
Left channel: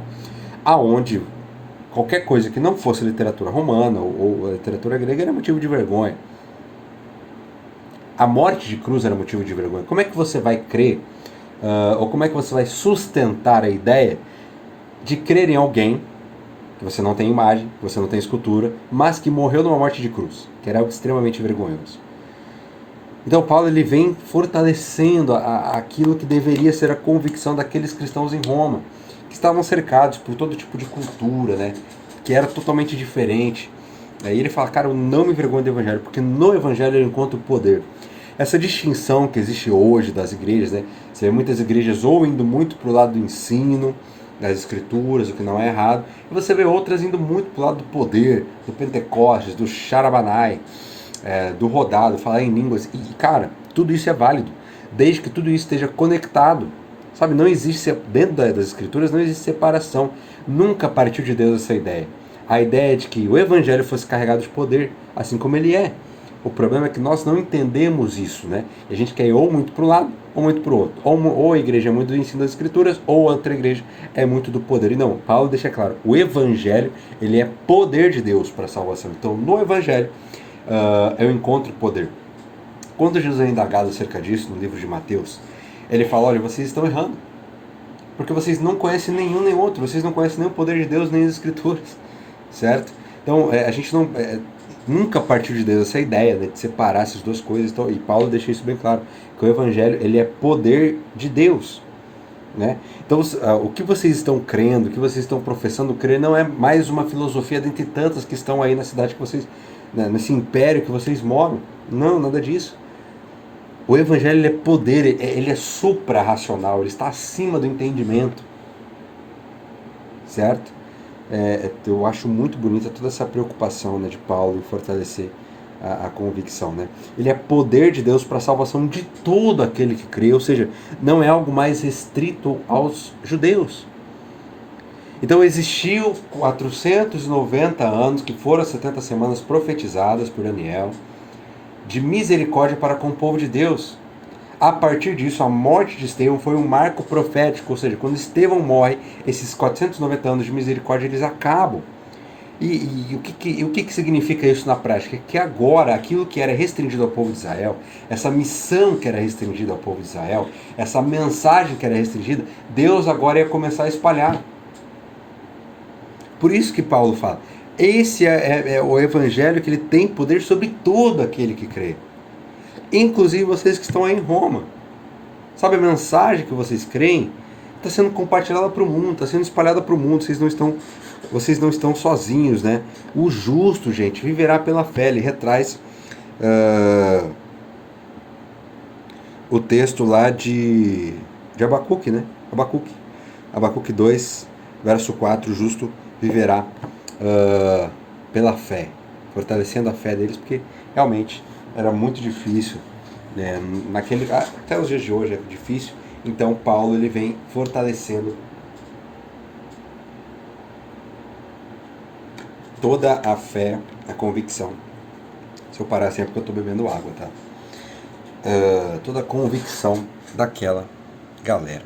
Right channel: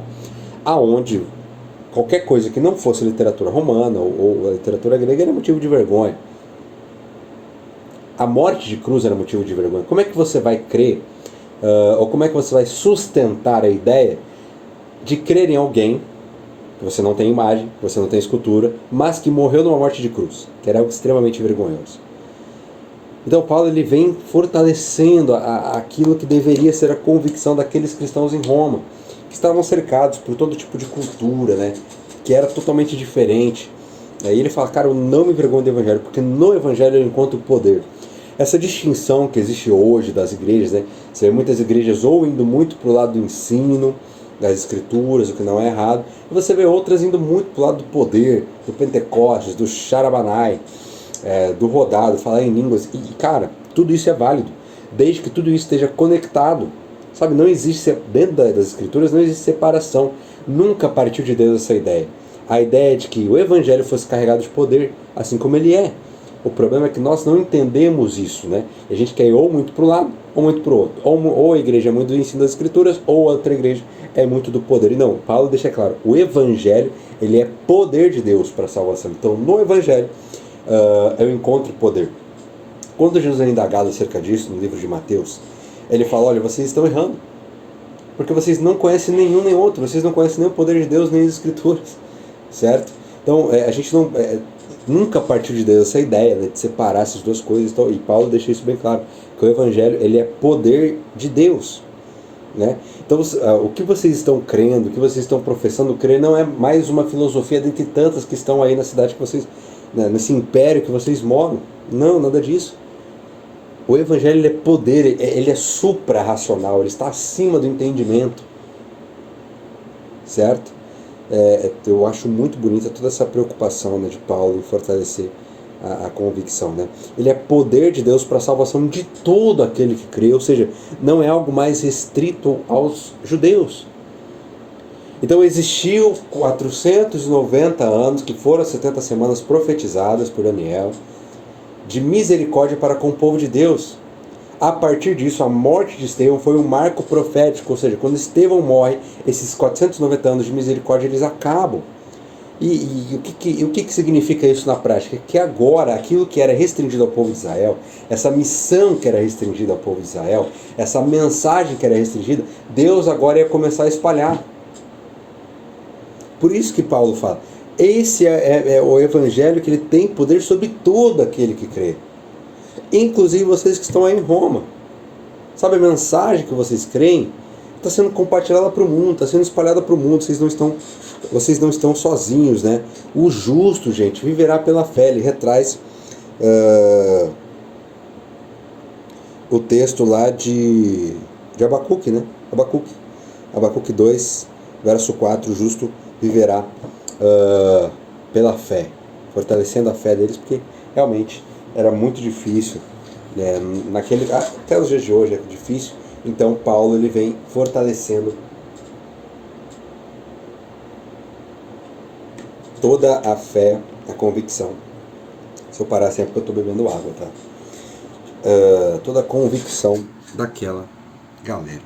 aonde qualquer coisa que não fosse literatura romana ou a literatura grega era motivo de vergonha. A morte de cruz era motivo de vergonha. Como é que você vai crer, ou como é que você vai sustentar a ideia de crer em alguém que você não tem imagem, que você não tem escultura, mas que morreu numa morte de cruz, que era algo extremamente vergonhoso? Então Paulo ele vem fortalecendo aquilo que deveria ser a convicção daqueles cristãos em Roma, que estavam cercados por todo tipo de cultura, né, que era totalmente diferente. Aí ele fala, cara, eu não me envergonho do evangelho, porque no evangelho eu encontro o poder. Essa distinção que existe hoje das igrejas, né, você vê muitas igrejas ou indo muito para o lado do ensino, das escrituras, o que não é errado, e você vê outras indo muito para o lado do poder, do Pentecostes, do Charabanai, do rodado, falar em línguas. E, cara, tudo isso é válido, desde que tudo isso esteja conectado. Sabe, não existe, dentro das escrituras, não existe separação. Nunca partiu de Deus essa ideia. A ideia de que o evangelho fosse carregado de poder, assim como ele é. O problema é que nós não entendemos isso, né? A gente quer ir ou muito para um lado, ou muito para o outro. Ou a igreja é muito do ensino das escrituras, ou a outra igreja é muito do poder. E não, Paulo deixa claro, o evangelho, ele é poder de Deus para a salvação. Então, no evangelho, eu encontro poder. Quando Jesus é indagado acerca disso, no livro de Mateus, ele fala, olha, vocês estão errando, porque vocês não conhecem nenhum nem outro, vocês não conhecem nem o poder de Deus, nem as escrituras, certo? Então, a gente não... nunca partiu de Deus essa ideia, né, de separar essas duas coisas, então, e Paulo deixa isso bem claro, que o evangelho, ele é poder de Deus, né? Então, o que vocês estão crendo, o que vocês estão professando crer, não é mais uma filosofia dentre tantas que estão aí na cidade que vocês, né, nesse império que vocês moram. Não, nada disso. O evangelho, ele é poder, ele é supra-racional, ele está acima do entendimento, certo? Eu acho muito bonita toda essa preocupação, né, de Paulo em fortalecer a convicção, né? Ele é poder de Deus para a salvação de todo aquele que crê, ou seja, não é algo mais restrito aos judeus. Então existiu 490 anos, que foram as 70 semanas profetizadas por Daniel, de misericórdia para com o povo de Deus. A partir disso, a morte de Estevão foi um marco profético, ou seja, quando Estevão morre, esses 490 anos de misericórdia, eles acabam. E o que significa isso na prática? Que agora, aquilo que era restringido ao povo de Israel, essa missão que era restringida ao povo de Israel, essa mensagem que era restringida, Deus agora ia começar a espalhar. Por isso que Paulo fala, esse é o evangelho que ele tem poder sobre todo aquele que crê. Inclusive vocês que estão aí em Roma. Sabe, a mensagem que vocês creem está sendo compartilhada para o mundo, está sendo espalhada para o mundo, vocês não estão sozinhos, né? O justo, gente, viverá pela fé. Ele retraz o texto lá de Abacuque, né? Abacuque 2, verso 4, o justo viverá pela fé, fortalecendo a fé deles, porque realmente era muito difícil, né? Até os dias de hoje é difícil. Então Paulo ele vem fortalecendo toda a fé, a convicção Se eu parar assim é porque eu estou bebendo água, tá? Toda a convicção daquela galera.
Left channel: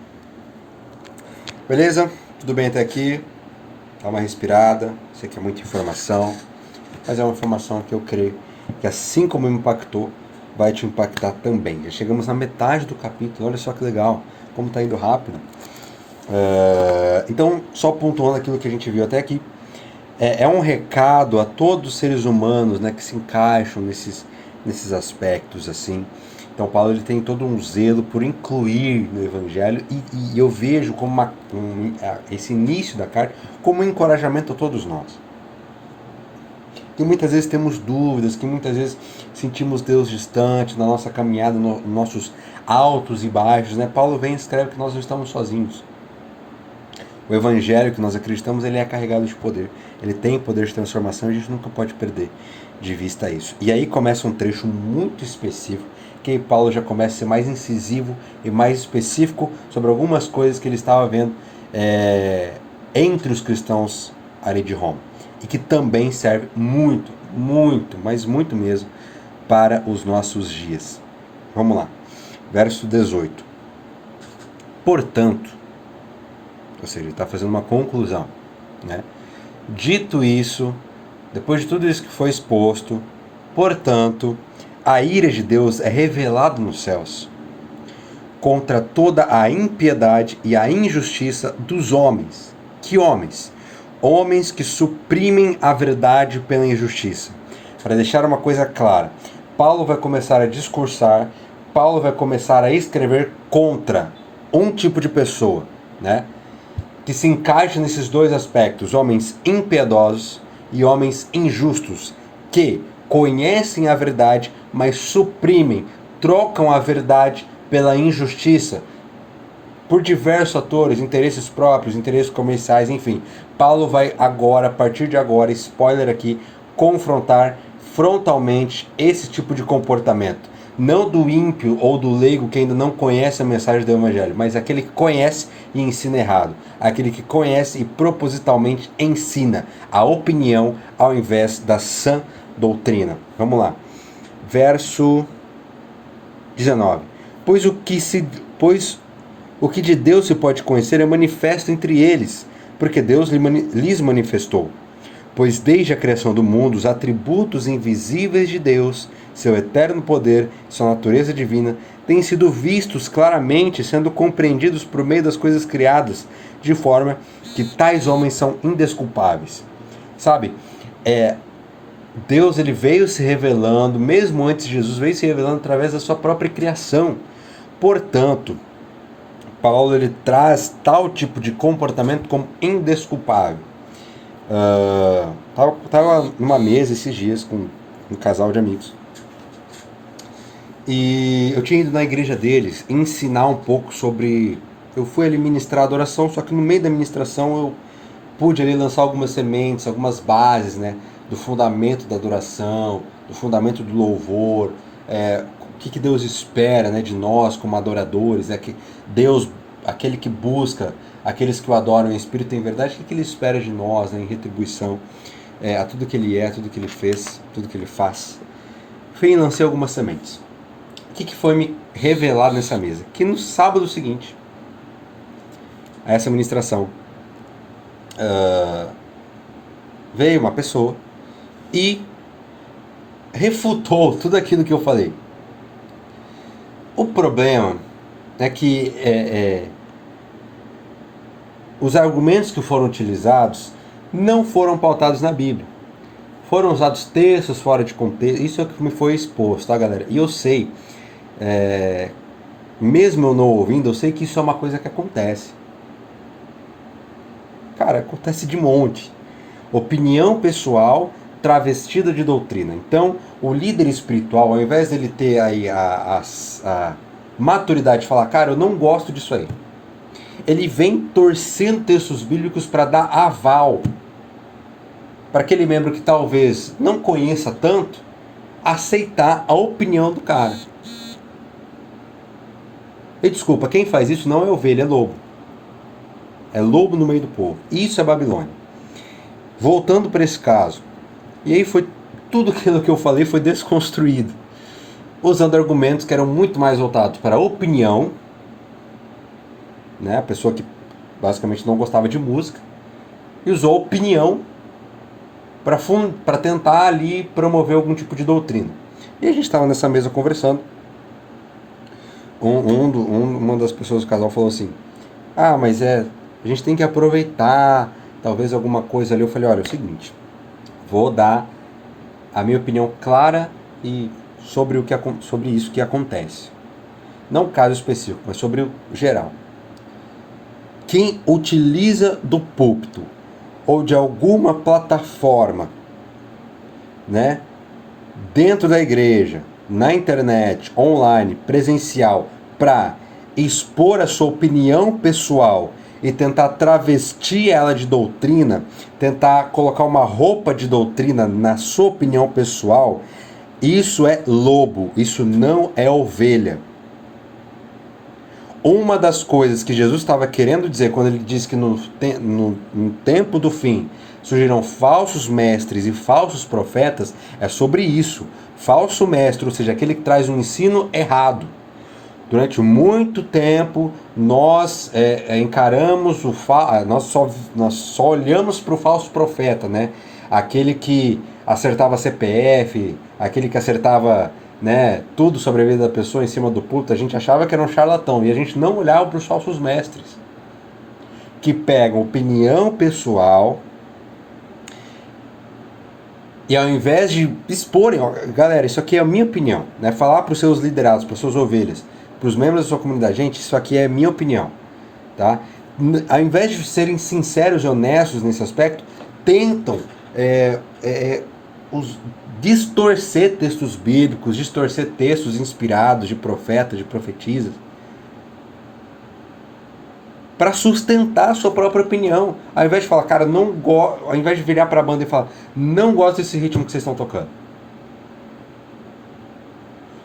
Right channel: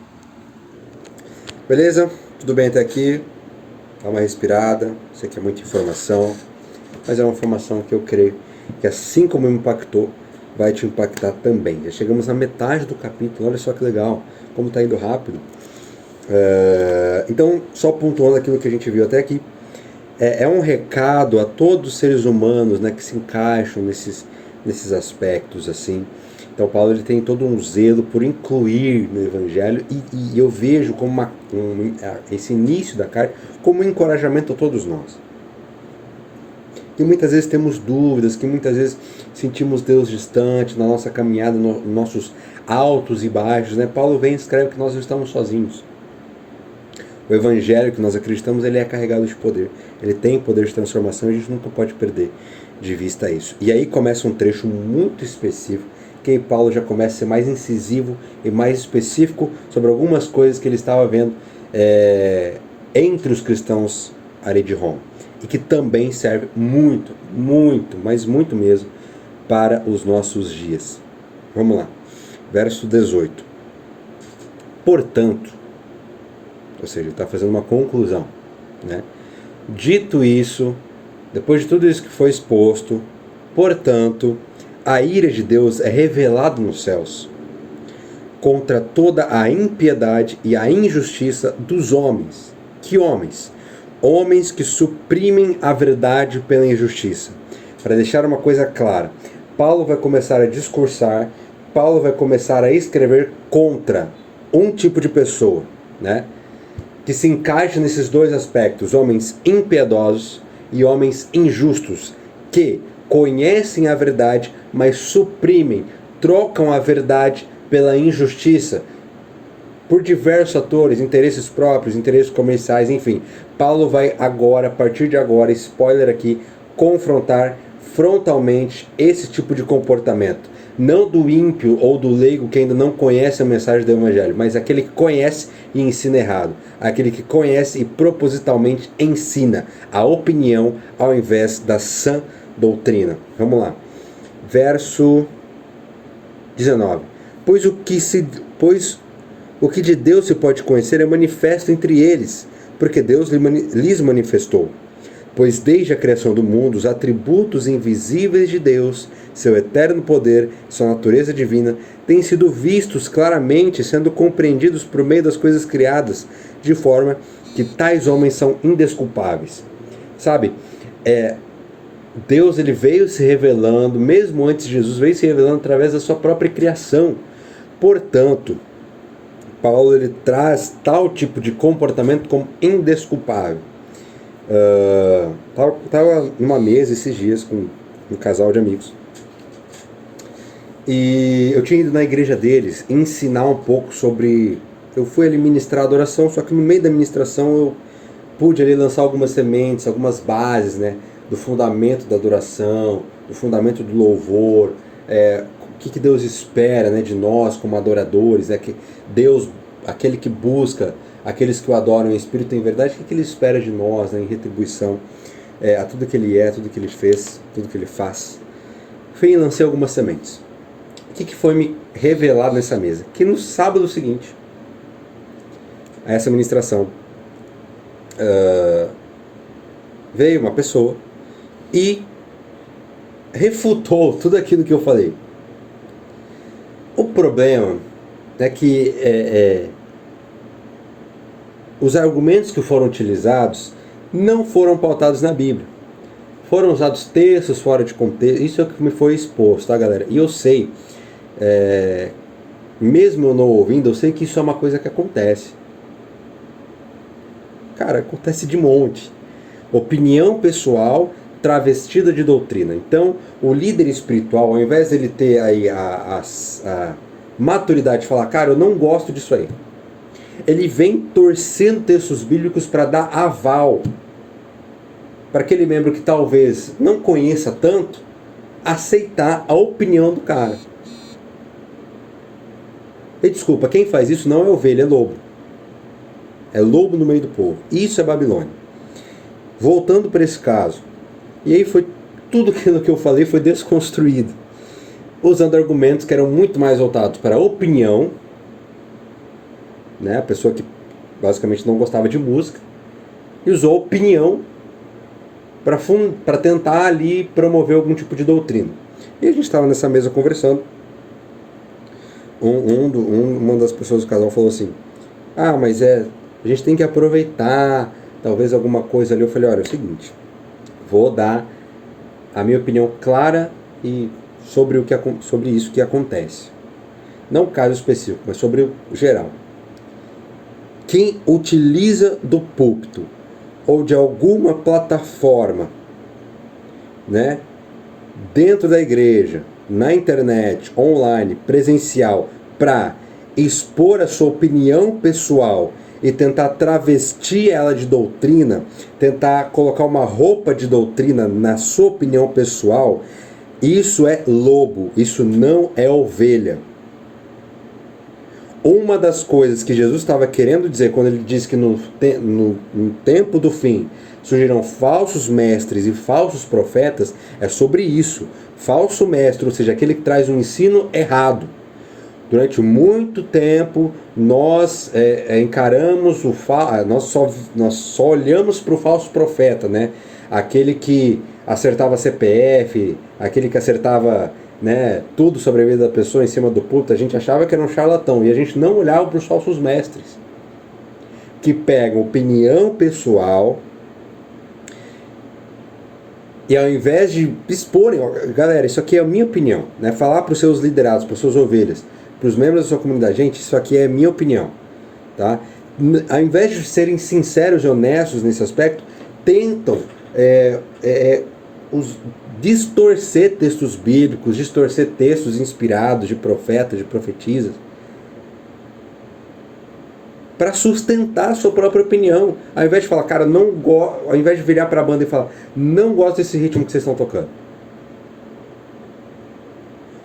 Beleza? Tudo bem até aqui? Dá uma respirada. Sei que é muita informação, mas é uma informação que eu creio que, assim como me impactou, vai te impactar também. Já chegamos na metade do capítulo, olha só que legal, como está indo rápido. Então, só pontuando aquilo que a gente viu até aqui, é um recado a todos os seres humanos, né, que se encaixam nesses aspectos assim. Então Paulo ele tem todo um zelo por incluir no Evangelho e eu vejo como esse início da carta como um encorajamento a todos nós. Que muitas vezes temos dúvidas, que muitas vezes sentimos Deus distante na nossa caminhada, nos nossos altos e baixos, né? Paulo vem e escreve que nós não estamos sozinhos. O Evangelho que nós acreditamos, ele é carregado de poder. Ele tem poder de transformação e a gente nunca pode perder de vista isso. E aí começa um trecho muito específico, que aí Paulo já começa a ser mais incisivo e mais específico sobre algumas coisas que ele estava vendo entre os cristãos ali de Roma. E que também serve muito, muito, mas muito mesmo, para os nossos dias. Vamos lá. Verso 18. Portanto, ou seja, ele está fazendo uma conclusão, né? Dito isso, depois de tudo isso que foi exposto, portanto, a ira de Deus é revelada nos céus contra toda a impiedade e a injustiça dos homens. Que homens? Homens que suprimem a verdade pela injustiça. Para deixar uma coisa clara, Paulo vai começar a discursar, Paulo vai começar a escrever contra um tipo de pessoa, né? Que se encaixa nesses dois aspectos, homens impiedosos e homens injustos, que conhecem a verdade, mas suprimem, trocam a verdade pela injustiça, por diversos fatores, interesses próprios, interesses comerciais, enfim. Paulo vai agora, a partir de agora, spoiler aqui, confrontar frontalmente esse tipo de comportamento. Não do ímpio ou do leigo que ainda não conhece a mensagem do Evangelho, mas aquele que conhece e ensina errado. Aquele que conhece e propositalmente ensina a opinião ao invés da sã doutrina. Vamos lá. Verso 19. Pois o que de Deus se pode conhecer é manifesto entre eles, porque Deus lhes manifestou. Pois desde a criação do mundo, os atributos invisíveis de Deus, seu eterno poder, sua natureza divina, têm sido vistos claramente, sendo compreendidos por meio das coisas criadas, de forma que tais homens são indesculpáveis. Sabe, Deus ele veio se revelando, mesmo antes de Jesus, veio se revelando através da sua própria criação. Portanto, Paulo ele traz tal tipo de comportamento como indesculpável. Tava numa mesa esses dias com um casal de amigos e eu tinha ido na igreja deles ensinar um pouco sobre. Eu fui ali ministrar a adoração, só que no meio da ministração eu pude ali lançar algumas sementes, algumas bases, né, do fundamento da adoração, do fundamento do louvor, o que Deus espera, né, de nós como adoradores, né, que Deus, aquele que busca aqueles que o adoram em espírito e em verdade, o que ele espera de nós, né, em retribuição a tudo que ele é, tudo que ele fez, tudo que ele faz. Fui e lancei algumas sementes. O que foi me revelado nessa mesa? Que no sábado seguinte, essa ministração, veio uma pessoa e refutou tudo aquilo que eu falei. O problema é que os argumentos que foram utilizados não foram pautados na Bíblia. Foram usados textos fora de contexto. Isso é o que me foi exposto, tá, galera? E eu sei, mesmo eu não ouvindo, eu sei que isso é uma coisa que acontece. Cara, acontece de monte. Opinião pessoal travestida de doutrina. Então, o líder espiritual, ao invés dele ter aí a maturidade de falar, cara, eu não gosto disso aí, ele vem torcendo textos bíblicos para dar aval para aquele membro que talvez não conheça tanto, aceitar a opinião do cara. E desculpa, quem faz isso não é ovelha, é lobo. É lobo no meio do povo. Isso é Babilônia. Voltando para esse caso. E aí foi tudo aquilo que eu falei foi desconstruído, usando argumentos que eram muito mais voltados para a opinião, né? A pessoa que basicamente não gostava de música, e usou a opinião para tentar ali promover algum tipo de doutrina. E a gente estava nessa mesa conversando, uma das pessoas do casal falou assim, mas a gente tem que aproveitar, talvez alguma coisa ali. Eu falei, olha, é o seguinte, vou dar a minha opinião clara e sobre isso que acontece. Não o caso específico, mas sobre o geral. Quem utiliza do púlpito ou de alguma plataforma, né, dentro da igreja, na internet, online, presencial, para expor a sua opinião pessoal e tentar travestir ela de doutrina, tentar colocar uma roupa de doutrina na sua opinião pessoal, isso é lobo, isso não é ovelha. Uma das coisas que Jesus estava querendo dizer quando ele disse que no tempo do fim surgirão falsos mestres e falsos profetas é sobre isso. Falso mestre, ou seja, aquele que traz um ensino errado. Durante muito tempo nós encaramos nós só olhamos para o falso profeta, né? Aquele que acertava CPF, aquele que acertava, né, tudo sobre a vida da pessoa em cima do púlpito. A gente achava que era um charlatão e a gente não olhava para os falsos mestres, que pegam opinião pessoal e ao invés de exporem, galera, isso aqui é a minha opinião, né? Falar para os seus liderados, para as suas ovelhas, para os membros da sua comunidade, gente, isso aqui é a minha opinião, tá? Ao invés de serem sinceros e honestos nesse aspecto, tentam distorcer textos bíblicos, distorcer textos inspirados de profetas, de profetisas, para sustentar a sua própria opinião, ao invés de falar, cara, ao invés de virar para a banda e falar, não gosto desse ritmo que vocês estão tocando,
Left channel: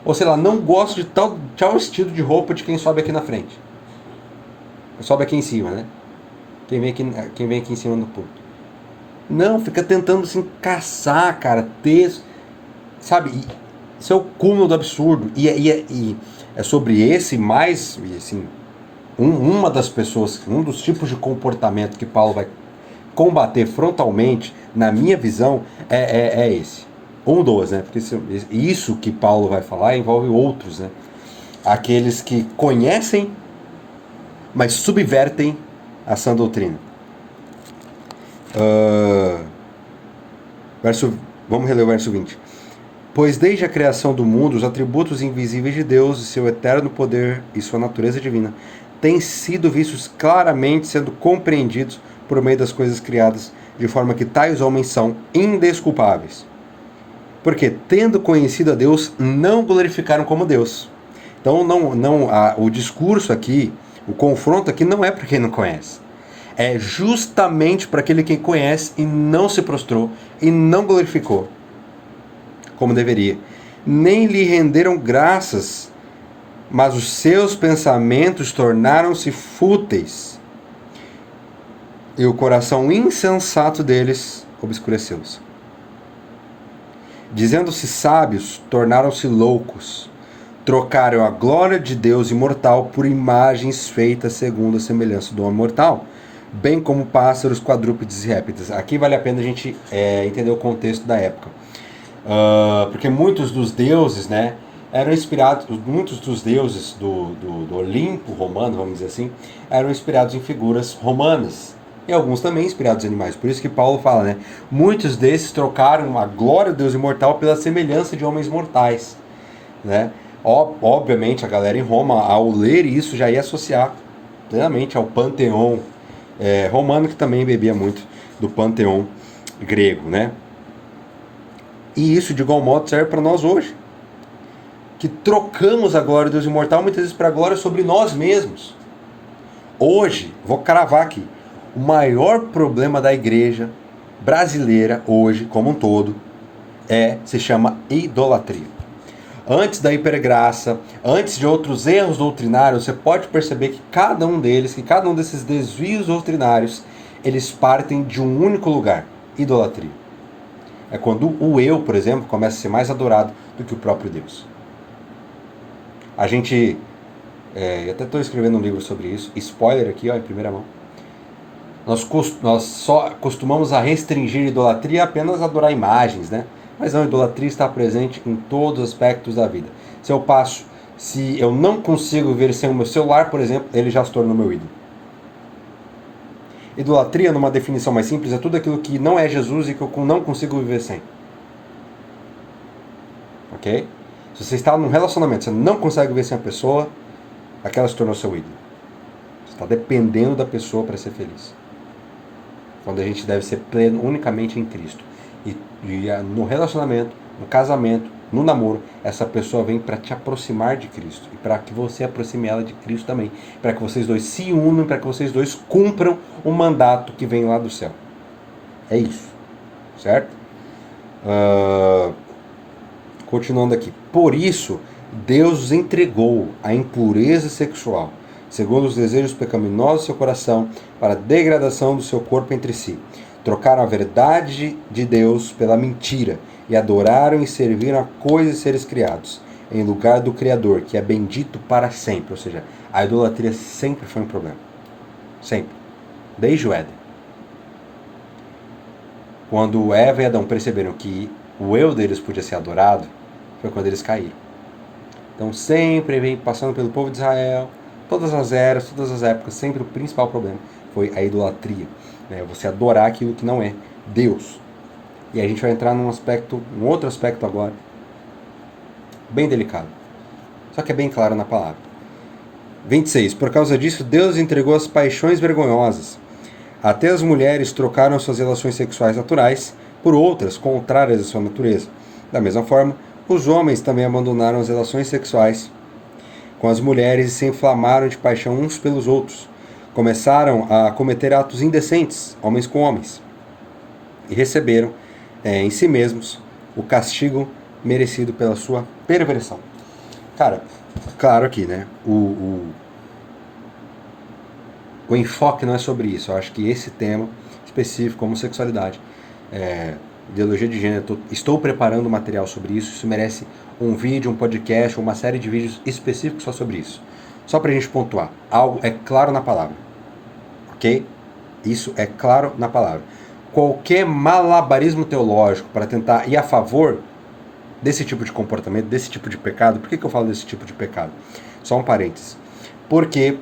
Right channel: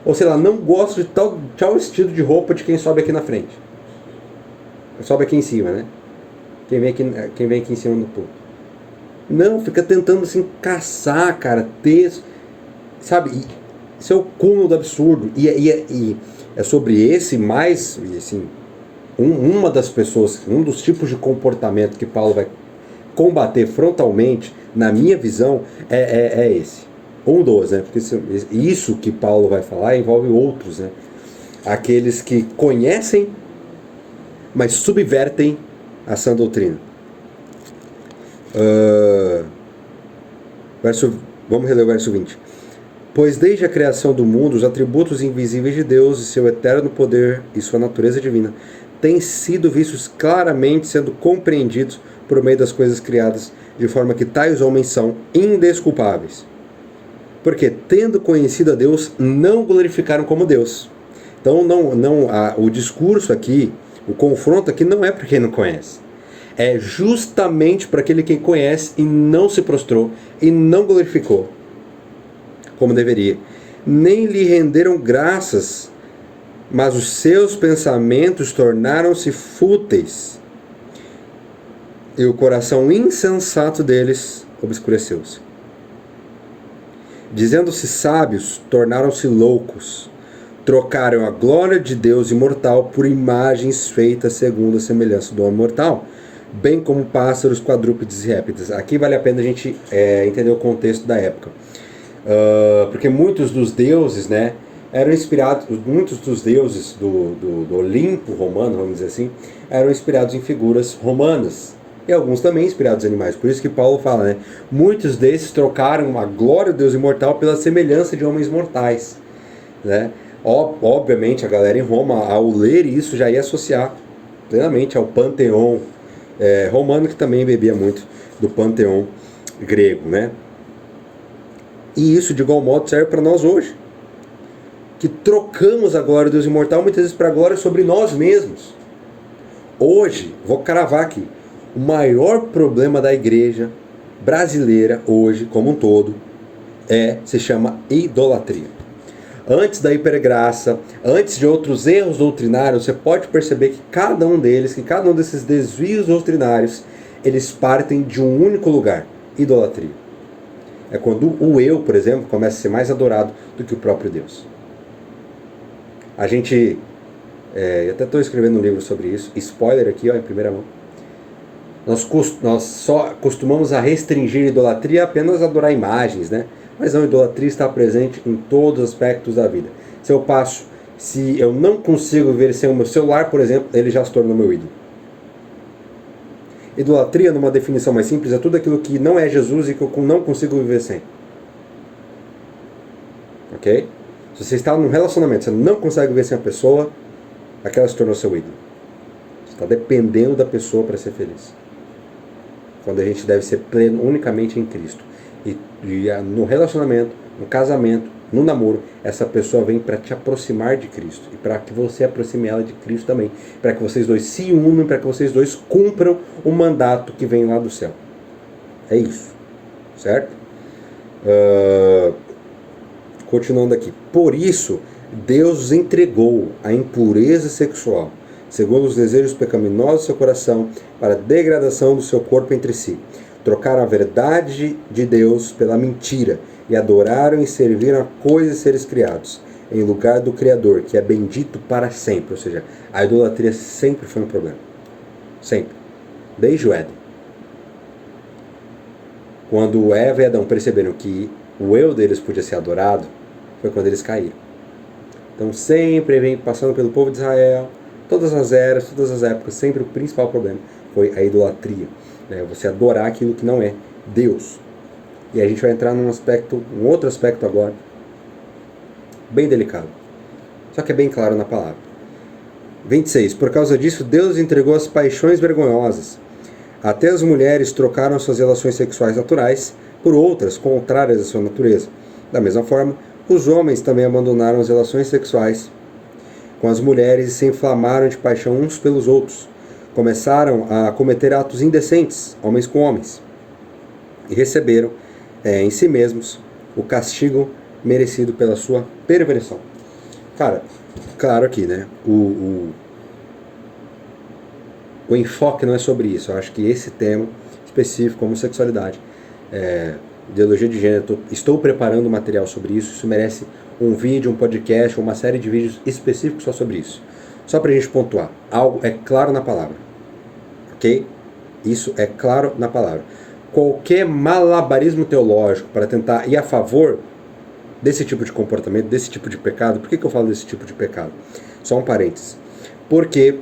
ou sei lá, não gosto de tal estilo de roupa de quem sobe aqui na frente, sobe aqui em cima, né? Quem vem aqui em cima do púlpito. Não, fica tentando assim caçar, cara, texto, sabe? Isso é o cúmulo do absurdo. E é sobre esse mais, assim, uma das pessoas, um dos tipos de comportamento que Paulo vai combater frontalmente, na minha visão, é esse. Um dos, né? Porque isso que Paulo vai falar envolve outros, né? Aqueles que conhecem, mas subvertem a sã doutrina. Vamos reler o verso 20. Pois desde a criação do mundo, os atributos invisíveis de Deus e seu eterno poder e sua natureza divina têm sido vistos claramente, sendo compreendidos por meio das coisas criadas, de forma que tais homens são indesculpáveis. Porque, tendo conhecido a Deus, não glorificaram como Deus. Então, o discurso aqui, o confronto aqui não é para quem não conhece. É justamente para aquele que conhece e não se prostrou e não glorificou como deveria. Nem lhe renderam graças, mas os seus pensamentos tornaram-se fúteis e o coração insensato deles obscureceu-se. Dizendo-se sábios, tornaram-se loucos. Trocaram a glória de Deus imortal por imagens feitas segundo a semelhança do homem mortal, bem como pássaros, quadrúpedes e répteis. Aqui vale a pena a gente entender o contexto da época. Porque muitos dos deuses, né, eram inspirados, muitos dos deuses do Olimpo romano, vamos dizer assim, eram inspirados em figuras romanas. E alguns também inspirados em animais. Por isso que Paulo fala, né? Muitos desses trocaram a glória do Deus imortal pela semelhança de homens mortais, né? Obviamente a galera em Roma, ao ler isso, já ia associar plenamente ao panteão romano, que também bebia muito do panteão grego, né? E isso de igual modo serve para nós hoje, que trocamos a glória do Deus imortal muitas vezes para a glória sobre nós mesmos. Hoje, vou cravar aqui, o maior problema da igreja brasileira hoje, como um todo, se chama idolatria. Antes da hipergraça, antes de outros erros doutrinários, você pode perceber que cada um desses desvios doutrinários, eles partem de um único lugar: idolatria. É quando o eu, por exemplo, começa a ser mais adorado do que o próprio Deus. A gente, eu até estou escrevendo um livro sobre isso, spoiler aqui, ó, em primeira mão. Nós só costumamos a restringir a idolatria apenas a adorar imagens, né? Mas não, a idolatria está presente em todos os aspectos da vida. Se eu não consigo ver sem o meu celular, por exemplo, ele já se tornou meu ídolo. Idolatria, numa definição mais simples, é tudo aquilo que não é Jesus e que eu não consigo viver sem. Ok? Se você está num relacionamento, você não consegue viver sem a pessoa, aquela se tornou seu ídolo. Você está dependendo da pessoa para ser feliz. Quando a gente deve ser pleno unicamente em Cristo. E no relacionamento, no casamento, no namoro, essa pessoa vem para te aproximar de Cristo. E para que você aproxime ela de Cristo também. Para que vocês dois se unam, para que vocês dois cumpram o mandato que vem lá do céu. É isso. Certo? Continuando aqui. Por isso, Deus entregou a impureza sexual, segundo os desejos pecaminosos do seu coração, para a degradação do seu corpo entre si. Trocaram a verdade de Deus pela mentira e adoraram e serviram a coisas e seres criados, em lugar do Criador, que é bendito para sempre. Ou seja, a idolatria sempre foi um problema. Sempre. Desde o Éden. Quando Eva e Adão perceberam que o eu deles podia ser adorado, foi quando eles caíram. Então sempre vem passando pelo povo de Israel, todas as eras, todas as épocas, sempre o principal problema foi a idolatria. Né? Você adorar aquilo que não é Deus. E a gente vai entrar num outro aspecto agora, bem delicado. Só que é bem claro na palavra. 26. Por causa disso, Deus entregou as paixões vergonhosas. Até as mulheres trocaram suas relações sexuais naturais por outras contrárias à sua natureza. Da mesma forma, os homens também abandonaram as relações sexuais com as mulheres e se inflamaram de paixão uns pelos outros. Começaram a cometer atos indecentes, homens com homens, e receberam em si mesmos o castigo merecido pela sua perversão. Cara, claro aqui, né? O enfoque não é sobre isso. Eu acho que esse tema específico, homossexualidade, ideologia de gênero, estou preparando material sobre isso. Isso merece um vídeo, um podcast, uma série de vídeos específicos só sobre isso. Só pra gente pontuar. Algo é claro na palavra. Ok? Isso é claro na palavra. Qualquer malabarismo teológico para tentar ir a favor desse tipo de comportamento, desse tipo de pecado. Por que eu falo desse tipo de pecado? Só um parênteses. Porque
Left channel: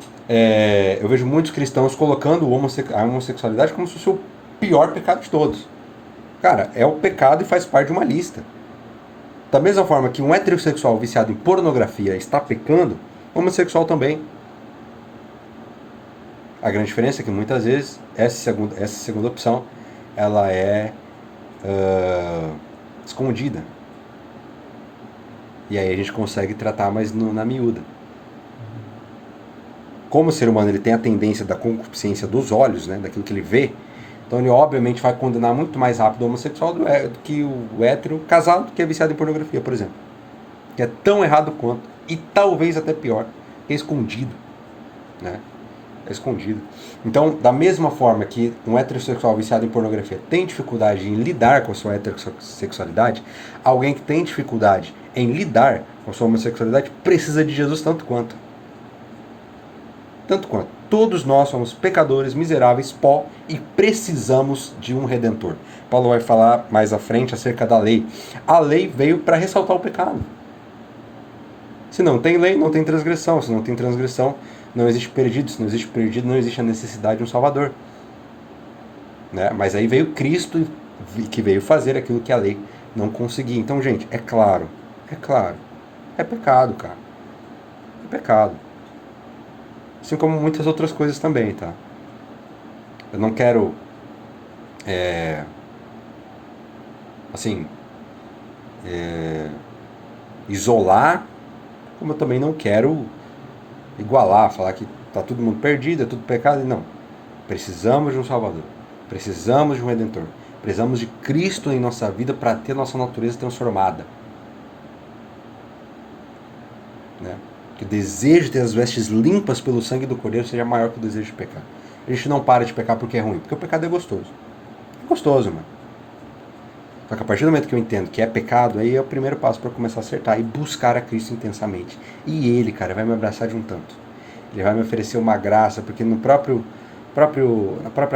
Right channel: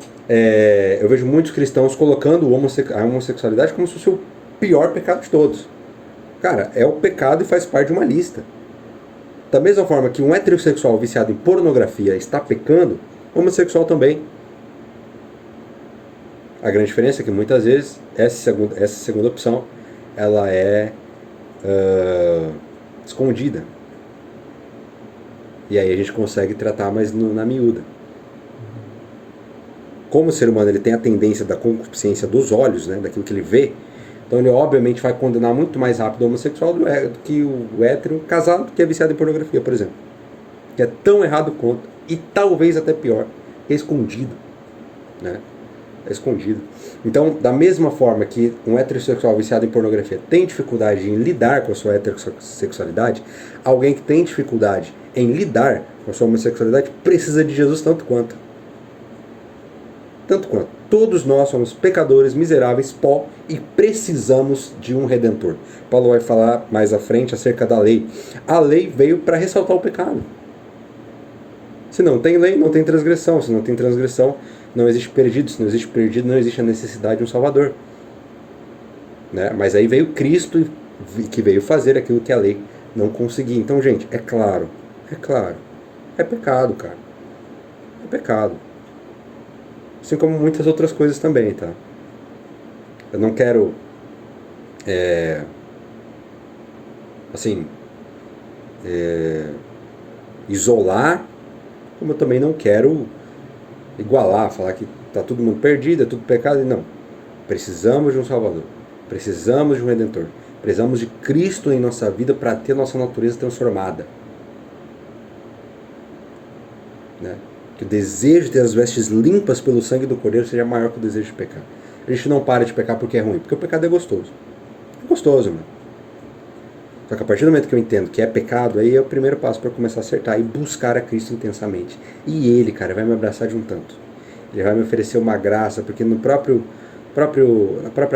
eu vejo muitos cristãos colocando a homossexualidade como se fosse o pior pecado de todos. Cara, é o pecado e faz parte de uma lista. Da mesma forma que um heterossexual viciado em pornografia está pecando, homossexual também. A grande diferença é que muitas vezes essa segunda opção ela é escondida. E aí a gente consegue tratar mais na miúda. Como o ser humano ele tem a tendência da concupiscência dos olhos, né, daquilo que ele vê, então ele obviamente vai condenar muito mais rápido o homossexual do que o hétero casado que é viciado em pornografia, por exemplo. Que é tão errado quanto, e talvez até pior, é escondido. Né? É escondido. Então, da mesma forma que um heterossexual viciado em pornografia tem dificuldade em lidar com a sua heterossexualidade, alguém que tem dificuldade em lidar com a sua homossexualidade precisa de Jesus tanto quanto. Tanto quanto. Todos nós somos pecadores, miseráveis, pó, e precisamos de um Redentor. Paulo vai falar mais à frente acerca da lei. A lei veio para ressaltar o pecado. Se não tem lei, não tem transgressão. Se não tem transgressão, não existe perdido. Se não existe perdido, não existe a necessidade de um Salvador. Né? Mas aí veio Cristo, que veio fazer aquilo que a lei não conseguia. Então, gente, é claro. É pecado, cara. É pecado. Assim como muitas outras coisas também, tá? Eu não quero isolar, como eu também não quero igualar, falar que tá todo mundo perdido, é tudo pecado. Não. Precisamos de um Salvador. Precisamos de um Redentor. Precisamos de Cristo em nossa vida para ter nossa natureza transformada. Né? Que o desejo de ter as vestes limpas pelo sangue do Cordeiro seja maior que o desejo de pecar. A gente não para de pecar porque é ruim, porque o pecado é gostoso. É gostoso, mano. Só que a partir do momento que eu entendo que é pecado, aí é o primeiro passo para começar a acertar e buscar a Cristo intensamente. E Ele, cara, vai me abraçar de um tanto. Ele vai me oferecer uma graça, porque na própria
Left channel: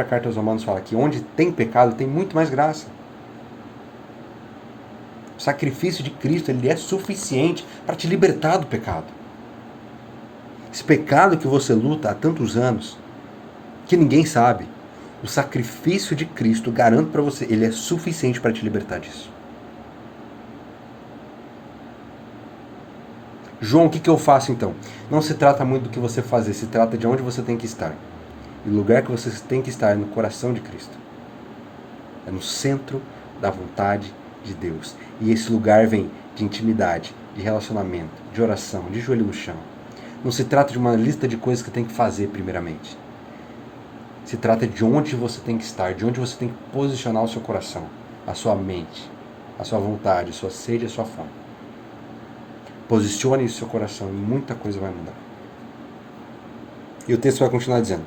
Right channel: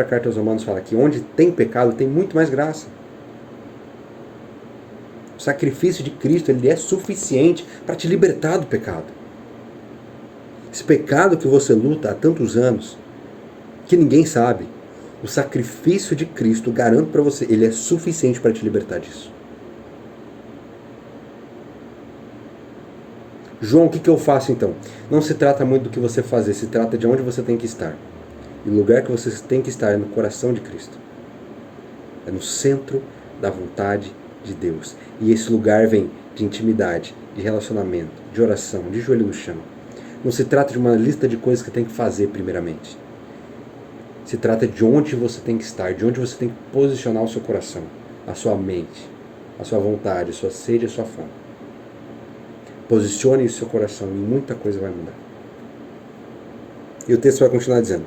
carta aos Romanos fala que onde tem pecado tem muito mais graça. O sacrifício de Cristo, ele é suficiente para te libertar do pecado. Esse pecado que você luta há tantos anos, que ninguém sabe, o sacrifício de Cristo, garanto para você, ele é suficiente para te libertar disso. João, o que eu faço então? Não se trata muito do que você fazer, se trata de onde você tem que estar. E o lugar que você tem que estar é no coração de Cristo. É no centro da vontade de Deus. E esse lugar vem de intimidade, de relacionamento, de oração, de joelho no chão. Não se trata de uma lista de coisas que tem que fazer primeiramente. Se trata de onde você tem que estar, de onde você tem que posicionar o seu coração, a sua mente, a sua vontade, a sua sede e a sua fome. Posicione o seu coração e muita coisa vai mudar. E o texto vai continuar dizendo:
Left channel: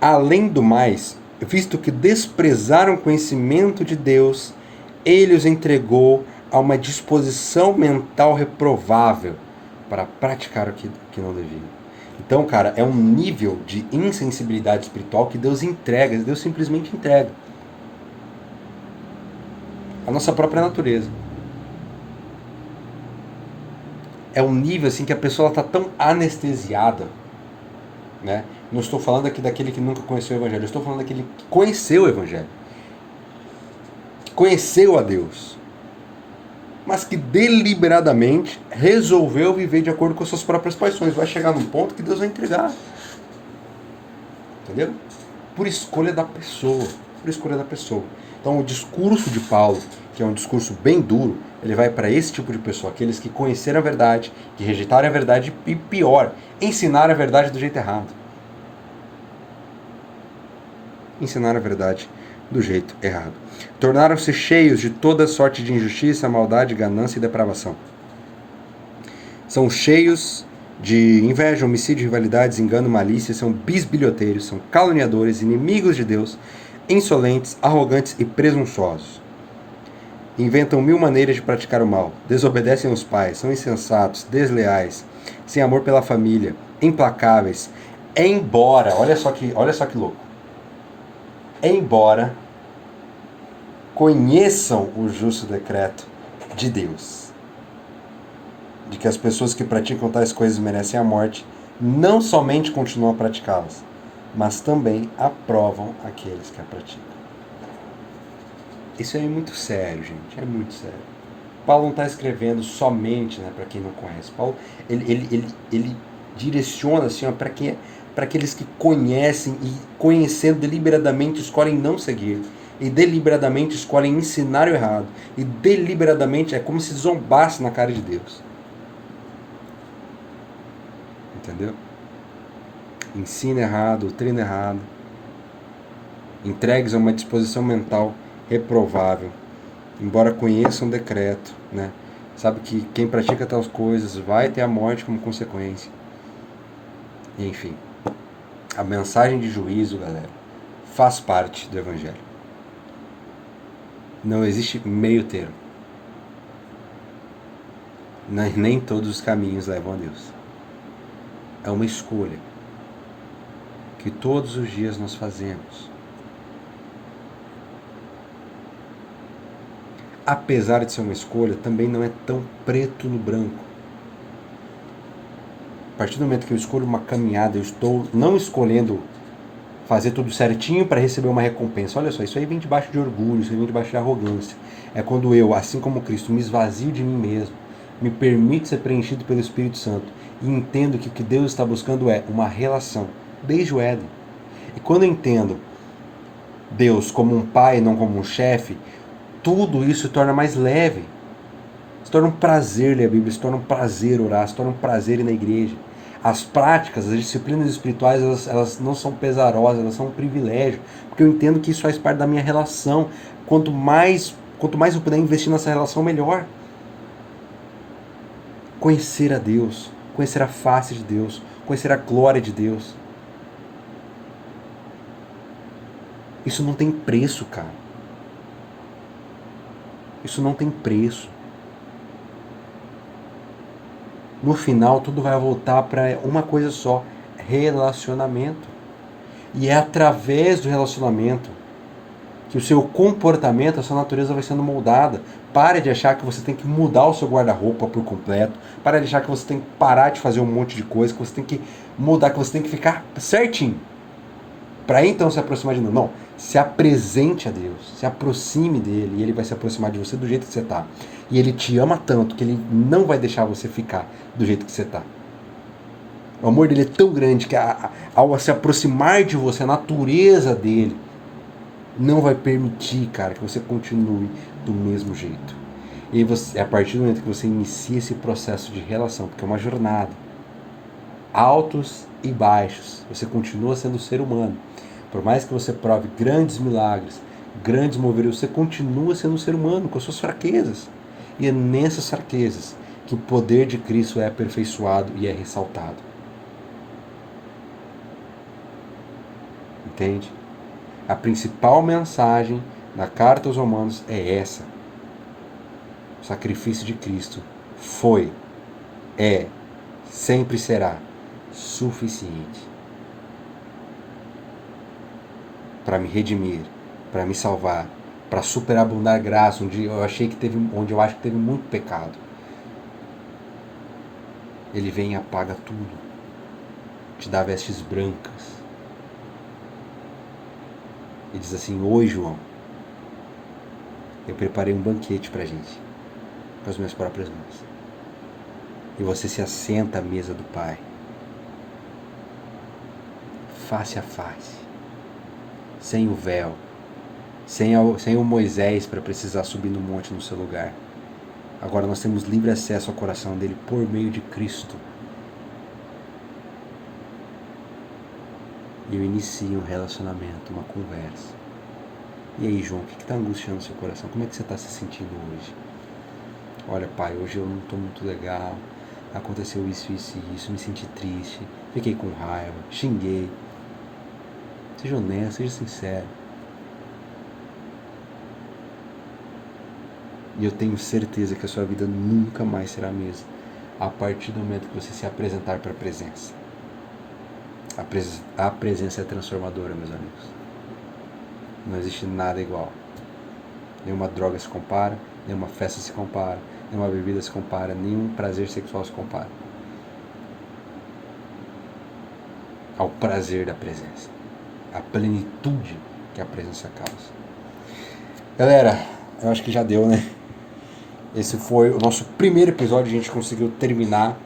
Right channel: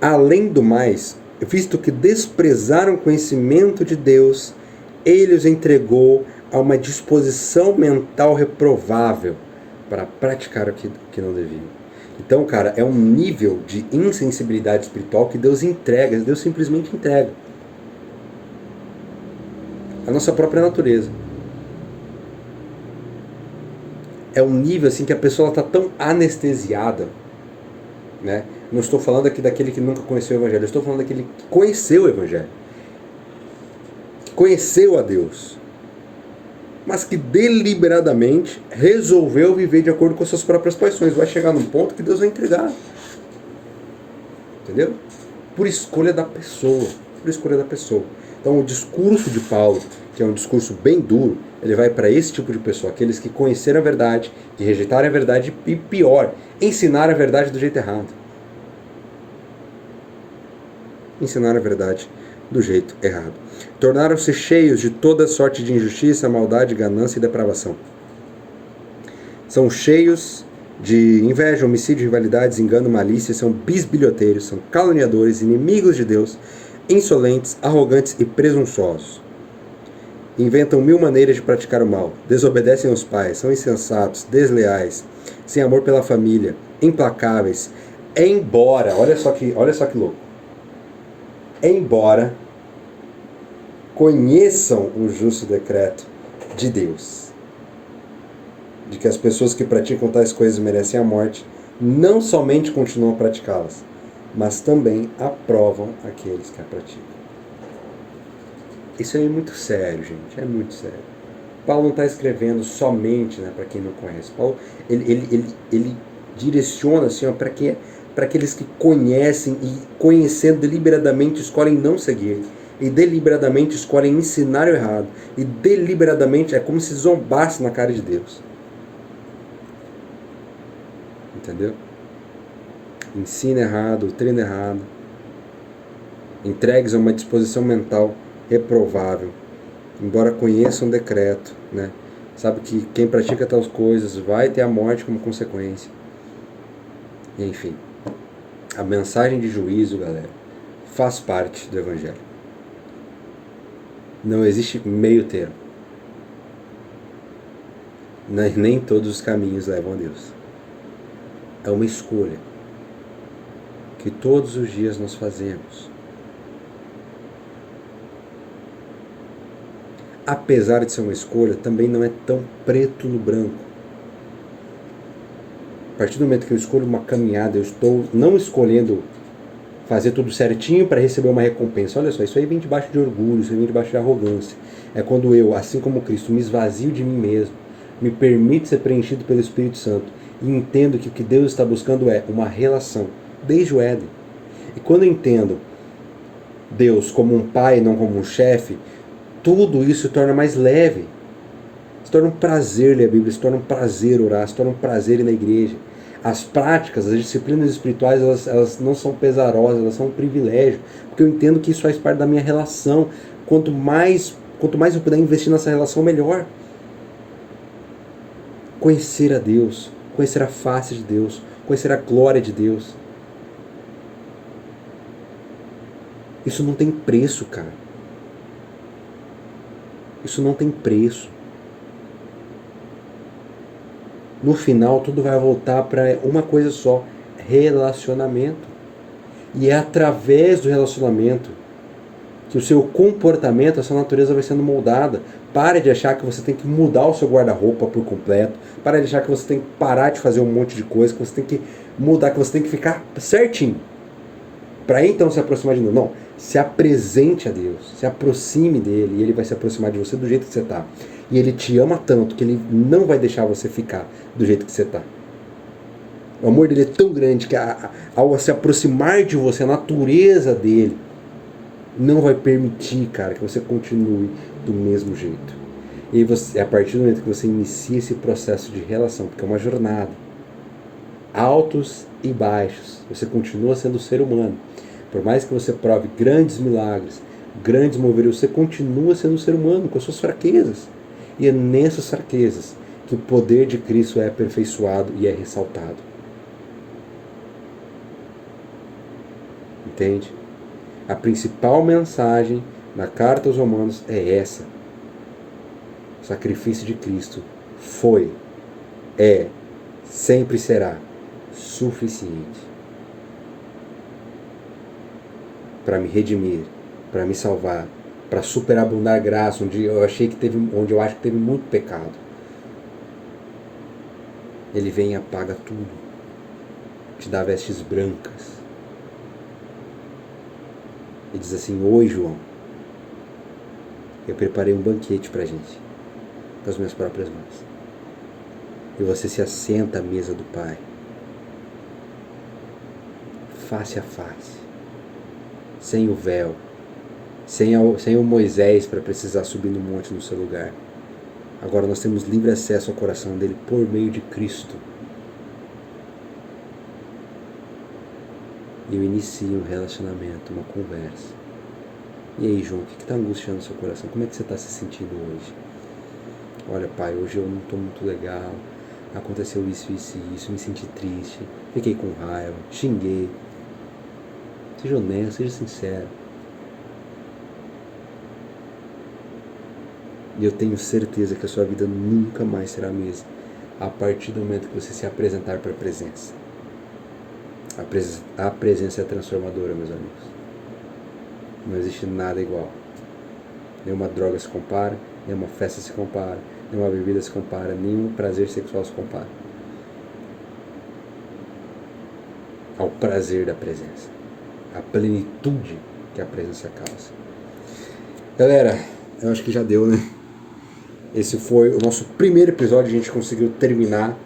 além do mais, visto que desprezaram o conhecimento de Deus, ele os entregou a uma disposição mental reprovável para praticar o que não deviam. Então, cara, é um nível de insensibilidade espiritual que Deus entrega, Deus simplesmente entrega. A nossa própria natureza. É um nível assim que a pessoa está tão anestesiada, né? Não estou falando aqui daquele que nunca conheceu o Evangelho, eu estou falando daquele que conheceu o Evangelho. Conheceu a Deus, mas que deliberadamente resolveu viver de acordo com as suas próprias paixões. Vai chegar num ponto que Deus vai entregar. Entendeu? Por escolha da pessoa. Por escolha da pessoa. Então o discurso de Paulo, que é um discurso bem duro, ele vai para esse tipo de pessoa, aqueles que conheceram a verdade, que rejeitaram a verdade e pior, ensinaram a verdade do jeito errado. Ensinaram a verdade do jeito errado. Tornaram-se cheios de toda sorte de injustiça, maldade, ganância e depravação. São cheios de inveja, homicídio, rivalidades, engano, malícia, são bisbilhoteiros, são caluniadores, inimigos de Deus, insolentes, arrogantes e presunçosos. Inventam 1000 maneiras de praticar o mal, desobedecem aos pais, são insensatos, desleais, sem amor pela família, implacáveis, embora, olha só que louco, embora conheçam o justo decreto de Deus, de que as pessoas que praticam tais coisas merecem a morte, não somente continuam a praticá-las, mas também aprovam aqueles que a praticam. Isso é muito sério, gente, é muito sério. Paulo não está escrevendo somente, né, para quem não conhece. Paulo, ele direciona assim, para aqueles que conhecem e, conhecendo deliberadamente, escolhem não seguir. E deliberadamente escolhem ensinar o errado. E deliberadamente é como se zombasse na cara de Deus. Entendeu? Ensina errado, treina errado. Entregues a uma disposição mental reprovável. Embora conheçam um decreto, né? Sabe que quem pratica tais coisas vai ter a morte como consequência. E, enfim, a mensagem de juízo, galera, faz parte do Evangelho. Não existe meio termo. Nem todos os caminhos levam a Deus. É uma escolha que todos os dias nós fazemos. Apesar de ser uma escolha, também não é tão preto no branco. A partir do momento que eu escolho uma caminhada, eu estou não escolhendo fazer tudo certinho para receber uma recompensa. Olha só, isso aí vem debaixo de orgulho, isso aí vem debaixo de arrogância. É quando eu, assim como Cristo, me esvazio de mim mesmo, me permito ser preenchido pelo Espírito Santo e entendo que o que Deus está buscando é uma relação, desde o Éden. E quando eu entendo Deus como um pai, não como um chefe, tudo isso se torna mais leve. Se torna um prazer ler a Bíblia, se torna um prazer orar, se torna um prazer ir na igreja. As práticas, as disciplinas espirituais, elas não são pesarosas, elas são um privilégio, porque eu entendo que isso faz parte da minha relação. Quanto mais eu puder investir nessa relação, melhor. Conhecer a Deus, conhecer a face de Deus, conhecer a glória de Deus. Isso não tem preço, cara. Isso não tem preço. No final, tudo vai voltar para uma coisa só: relacionamento. E é através do relacionamento que o seu comportamento, a sua natureza vai sendo moldada. Para de achar que você tem que mudar o seu guarda-roupa por completo. Para de achar que você tem que parar de fazer um monte de coisa, que você tem que mudar, que você tem que ficar certinho. Para então se aproximar de Deus. Não, se apresente a Deus, se aproxime dele e ele vai se aproximar de você do jeito que você está. E ele te ama tanto que ele não vai deixar você ficar do jeito que você está. O amor dele é tão grande que ao se aproximar de você, a natureza dele não vai permitir, cara, que você continue do mesmo jeito. E você, a partir do momento que você inicia esse processo de relação, porque é uma jornada, altos e baixos, você continua sendo ser humano. Por mais que você prove grandes milagres, grandes moveres, você continua sendo um ser humano com as suas fraquezas. E é nessas fraquezas que o poder de Cristo é aperfeiçoado e é ressaltado. Entende? A principal mensagem da carta aos Romanos é essa. O sacrifício de Cristo foi, é, sempre será suficiente para me redimir, para me salvar, para superabundar graça, onde eu acho que teve muito pecado. Ele vem e apaga tudo, te dá vestes brancas. E diz assim: oi, João, eu preparei um banquete pra gente, com as minhas próprias mãos. E você se assenta à mesa do Pai, face a face, sem o véu, sem o Moisés para precisar subir no monte no seu lugar. Agora nós temos livre acesso ao coração dele por meio de Cristo. E eu inicio um relacionamento, uma conversa. E aí, João, o que está angustiando o seu coração? Como é que você está se sentindo hoje? Olha, pai, hoje eu não estou muito legal. Aconteceu isso, isso e isso. Me senti triste. Fiquei com raiva. Xinguei. Seja honesto, seja sincero. E eu tenho certeza que a sua vida nunca mais será a mesma a partir do momento que você se apresentar para a presença. A presença é transformadora, meus amigos. Não existe nada igual. Nenhuma droga se compara, nenhuma festa se compara, nenhuma bebida se compara, nenhum prazer sexual se compara ao prazer da presença, a plenitude que a presença causa. Galera, eu acho que já deu, né? Esse foi o nosso primeiro episódio, a gente conseguiu terminar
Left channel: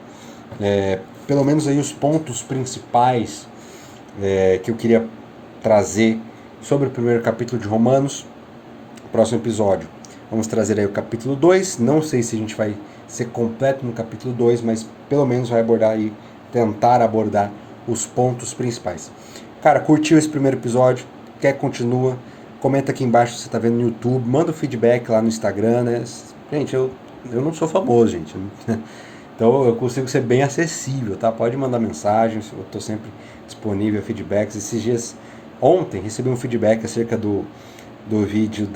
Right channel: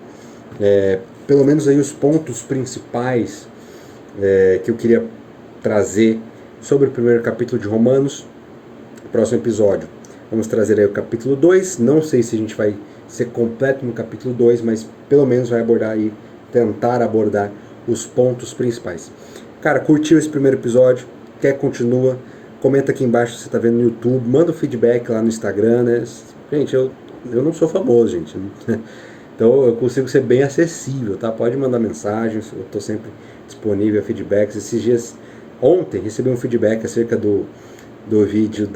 pelo menos aí os pontos principais que eu queria trazer sobre o primeiro capítulo de Romanos. Próximo episódio vamos trazer aí o capítulo 2, não sei se a gente vai ser completo no capítulo 2, mas pelo menos vai abordar aí, tentar abordar os pontos principais. Cara, curtiu esse primeiro episódio? Quer continua? Comenta aqui embaixo se você está vendo no YouTube, manda o feedback lá no Instagram, né? Gente, eu não sou famoso, gente. Então eu consigo ser bem acessível, tá? Pode mandar mensagens, eu estou sempre disponível a feedbacks. Esses dias, ontem, recebi um feedback acerca do vídeo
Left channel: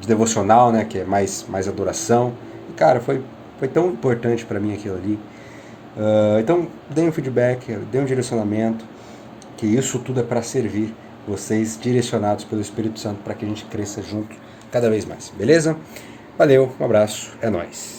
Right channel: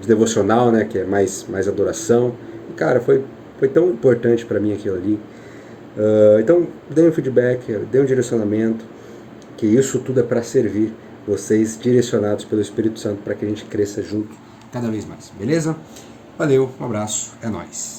de devocional, né? Que é mais adoração. E, cara, foi tão importante para mim aquilo ali. Então, dê um feedback, dê um direcionamento, que isso tudo é para servir vocês, direcionados pelo Espírito Santo, para que a gente cresça junto cada vez mais, beleza? Valeu, um abraço, é nóis.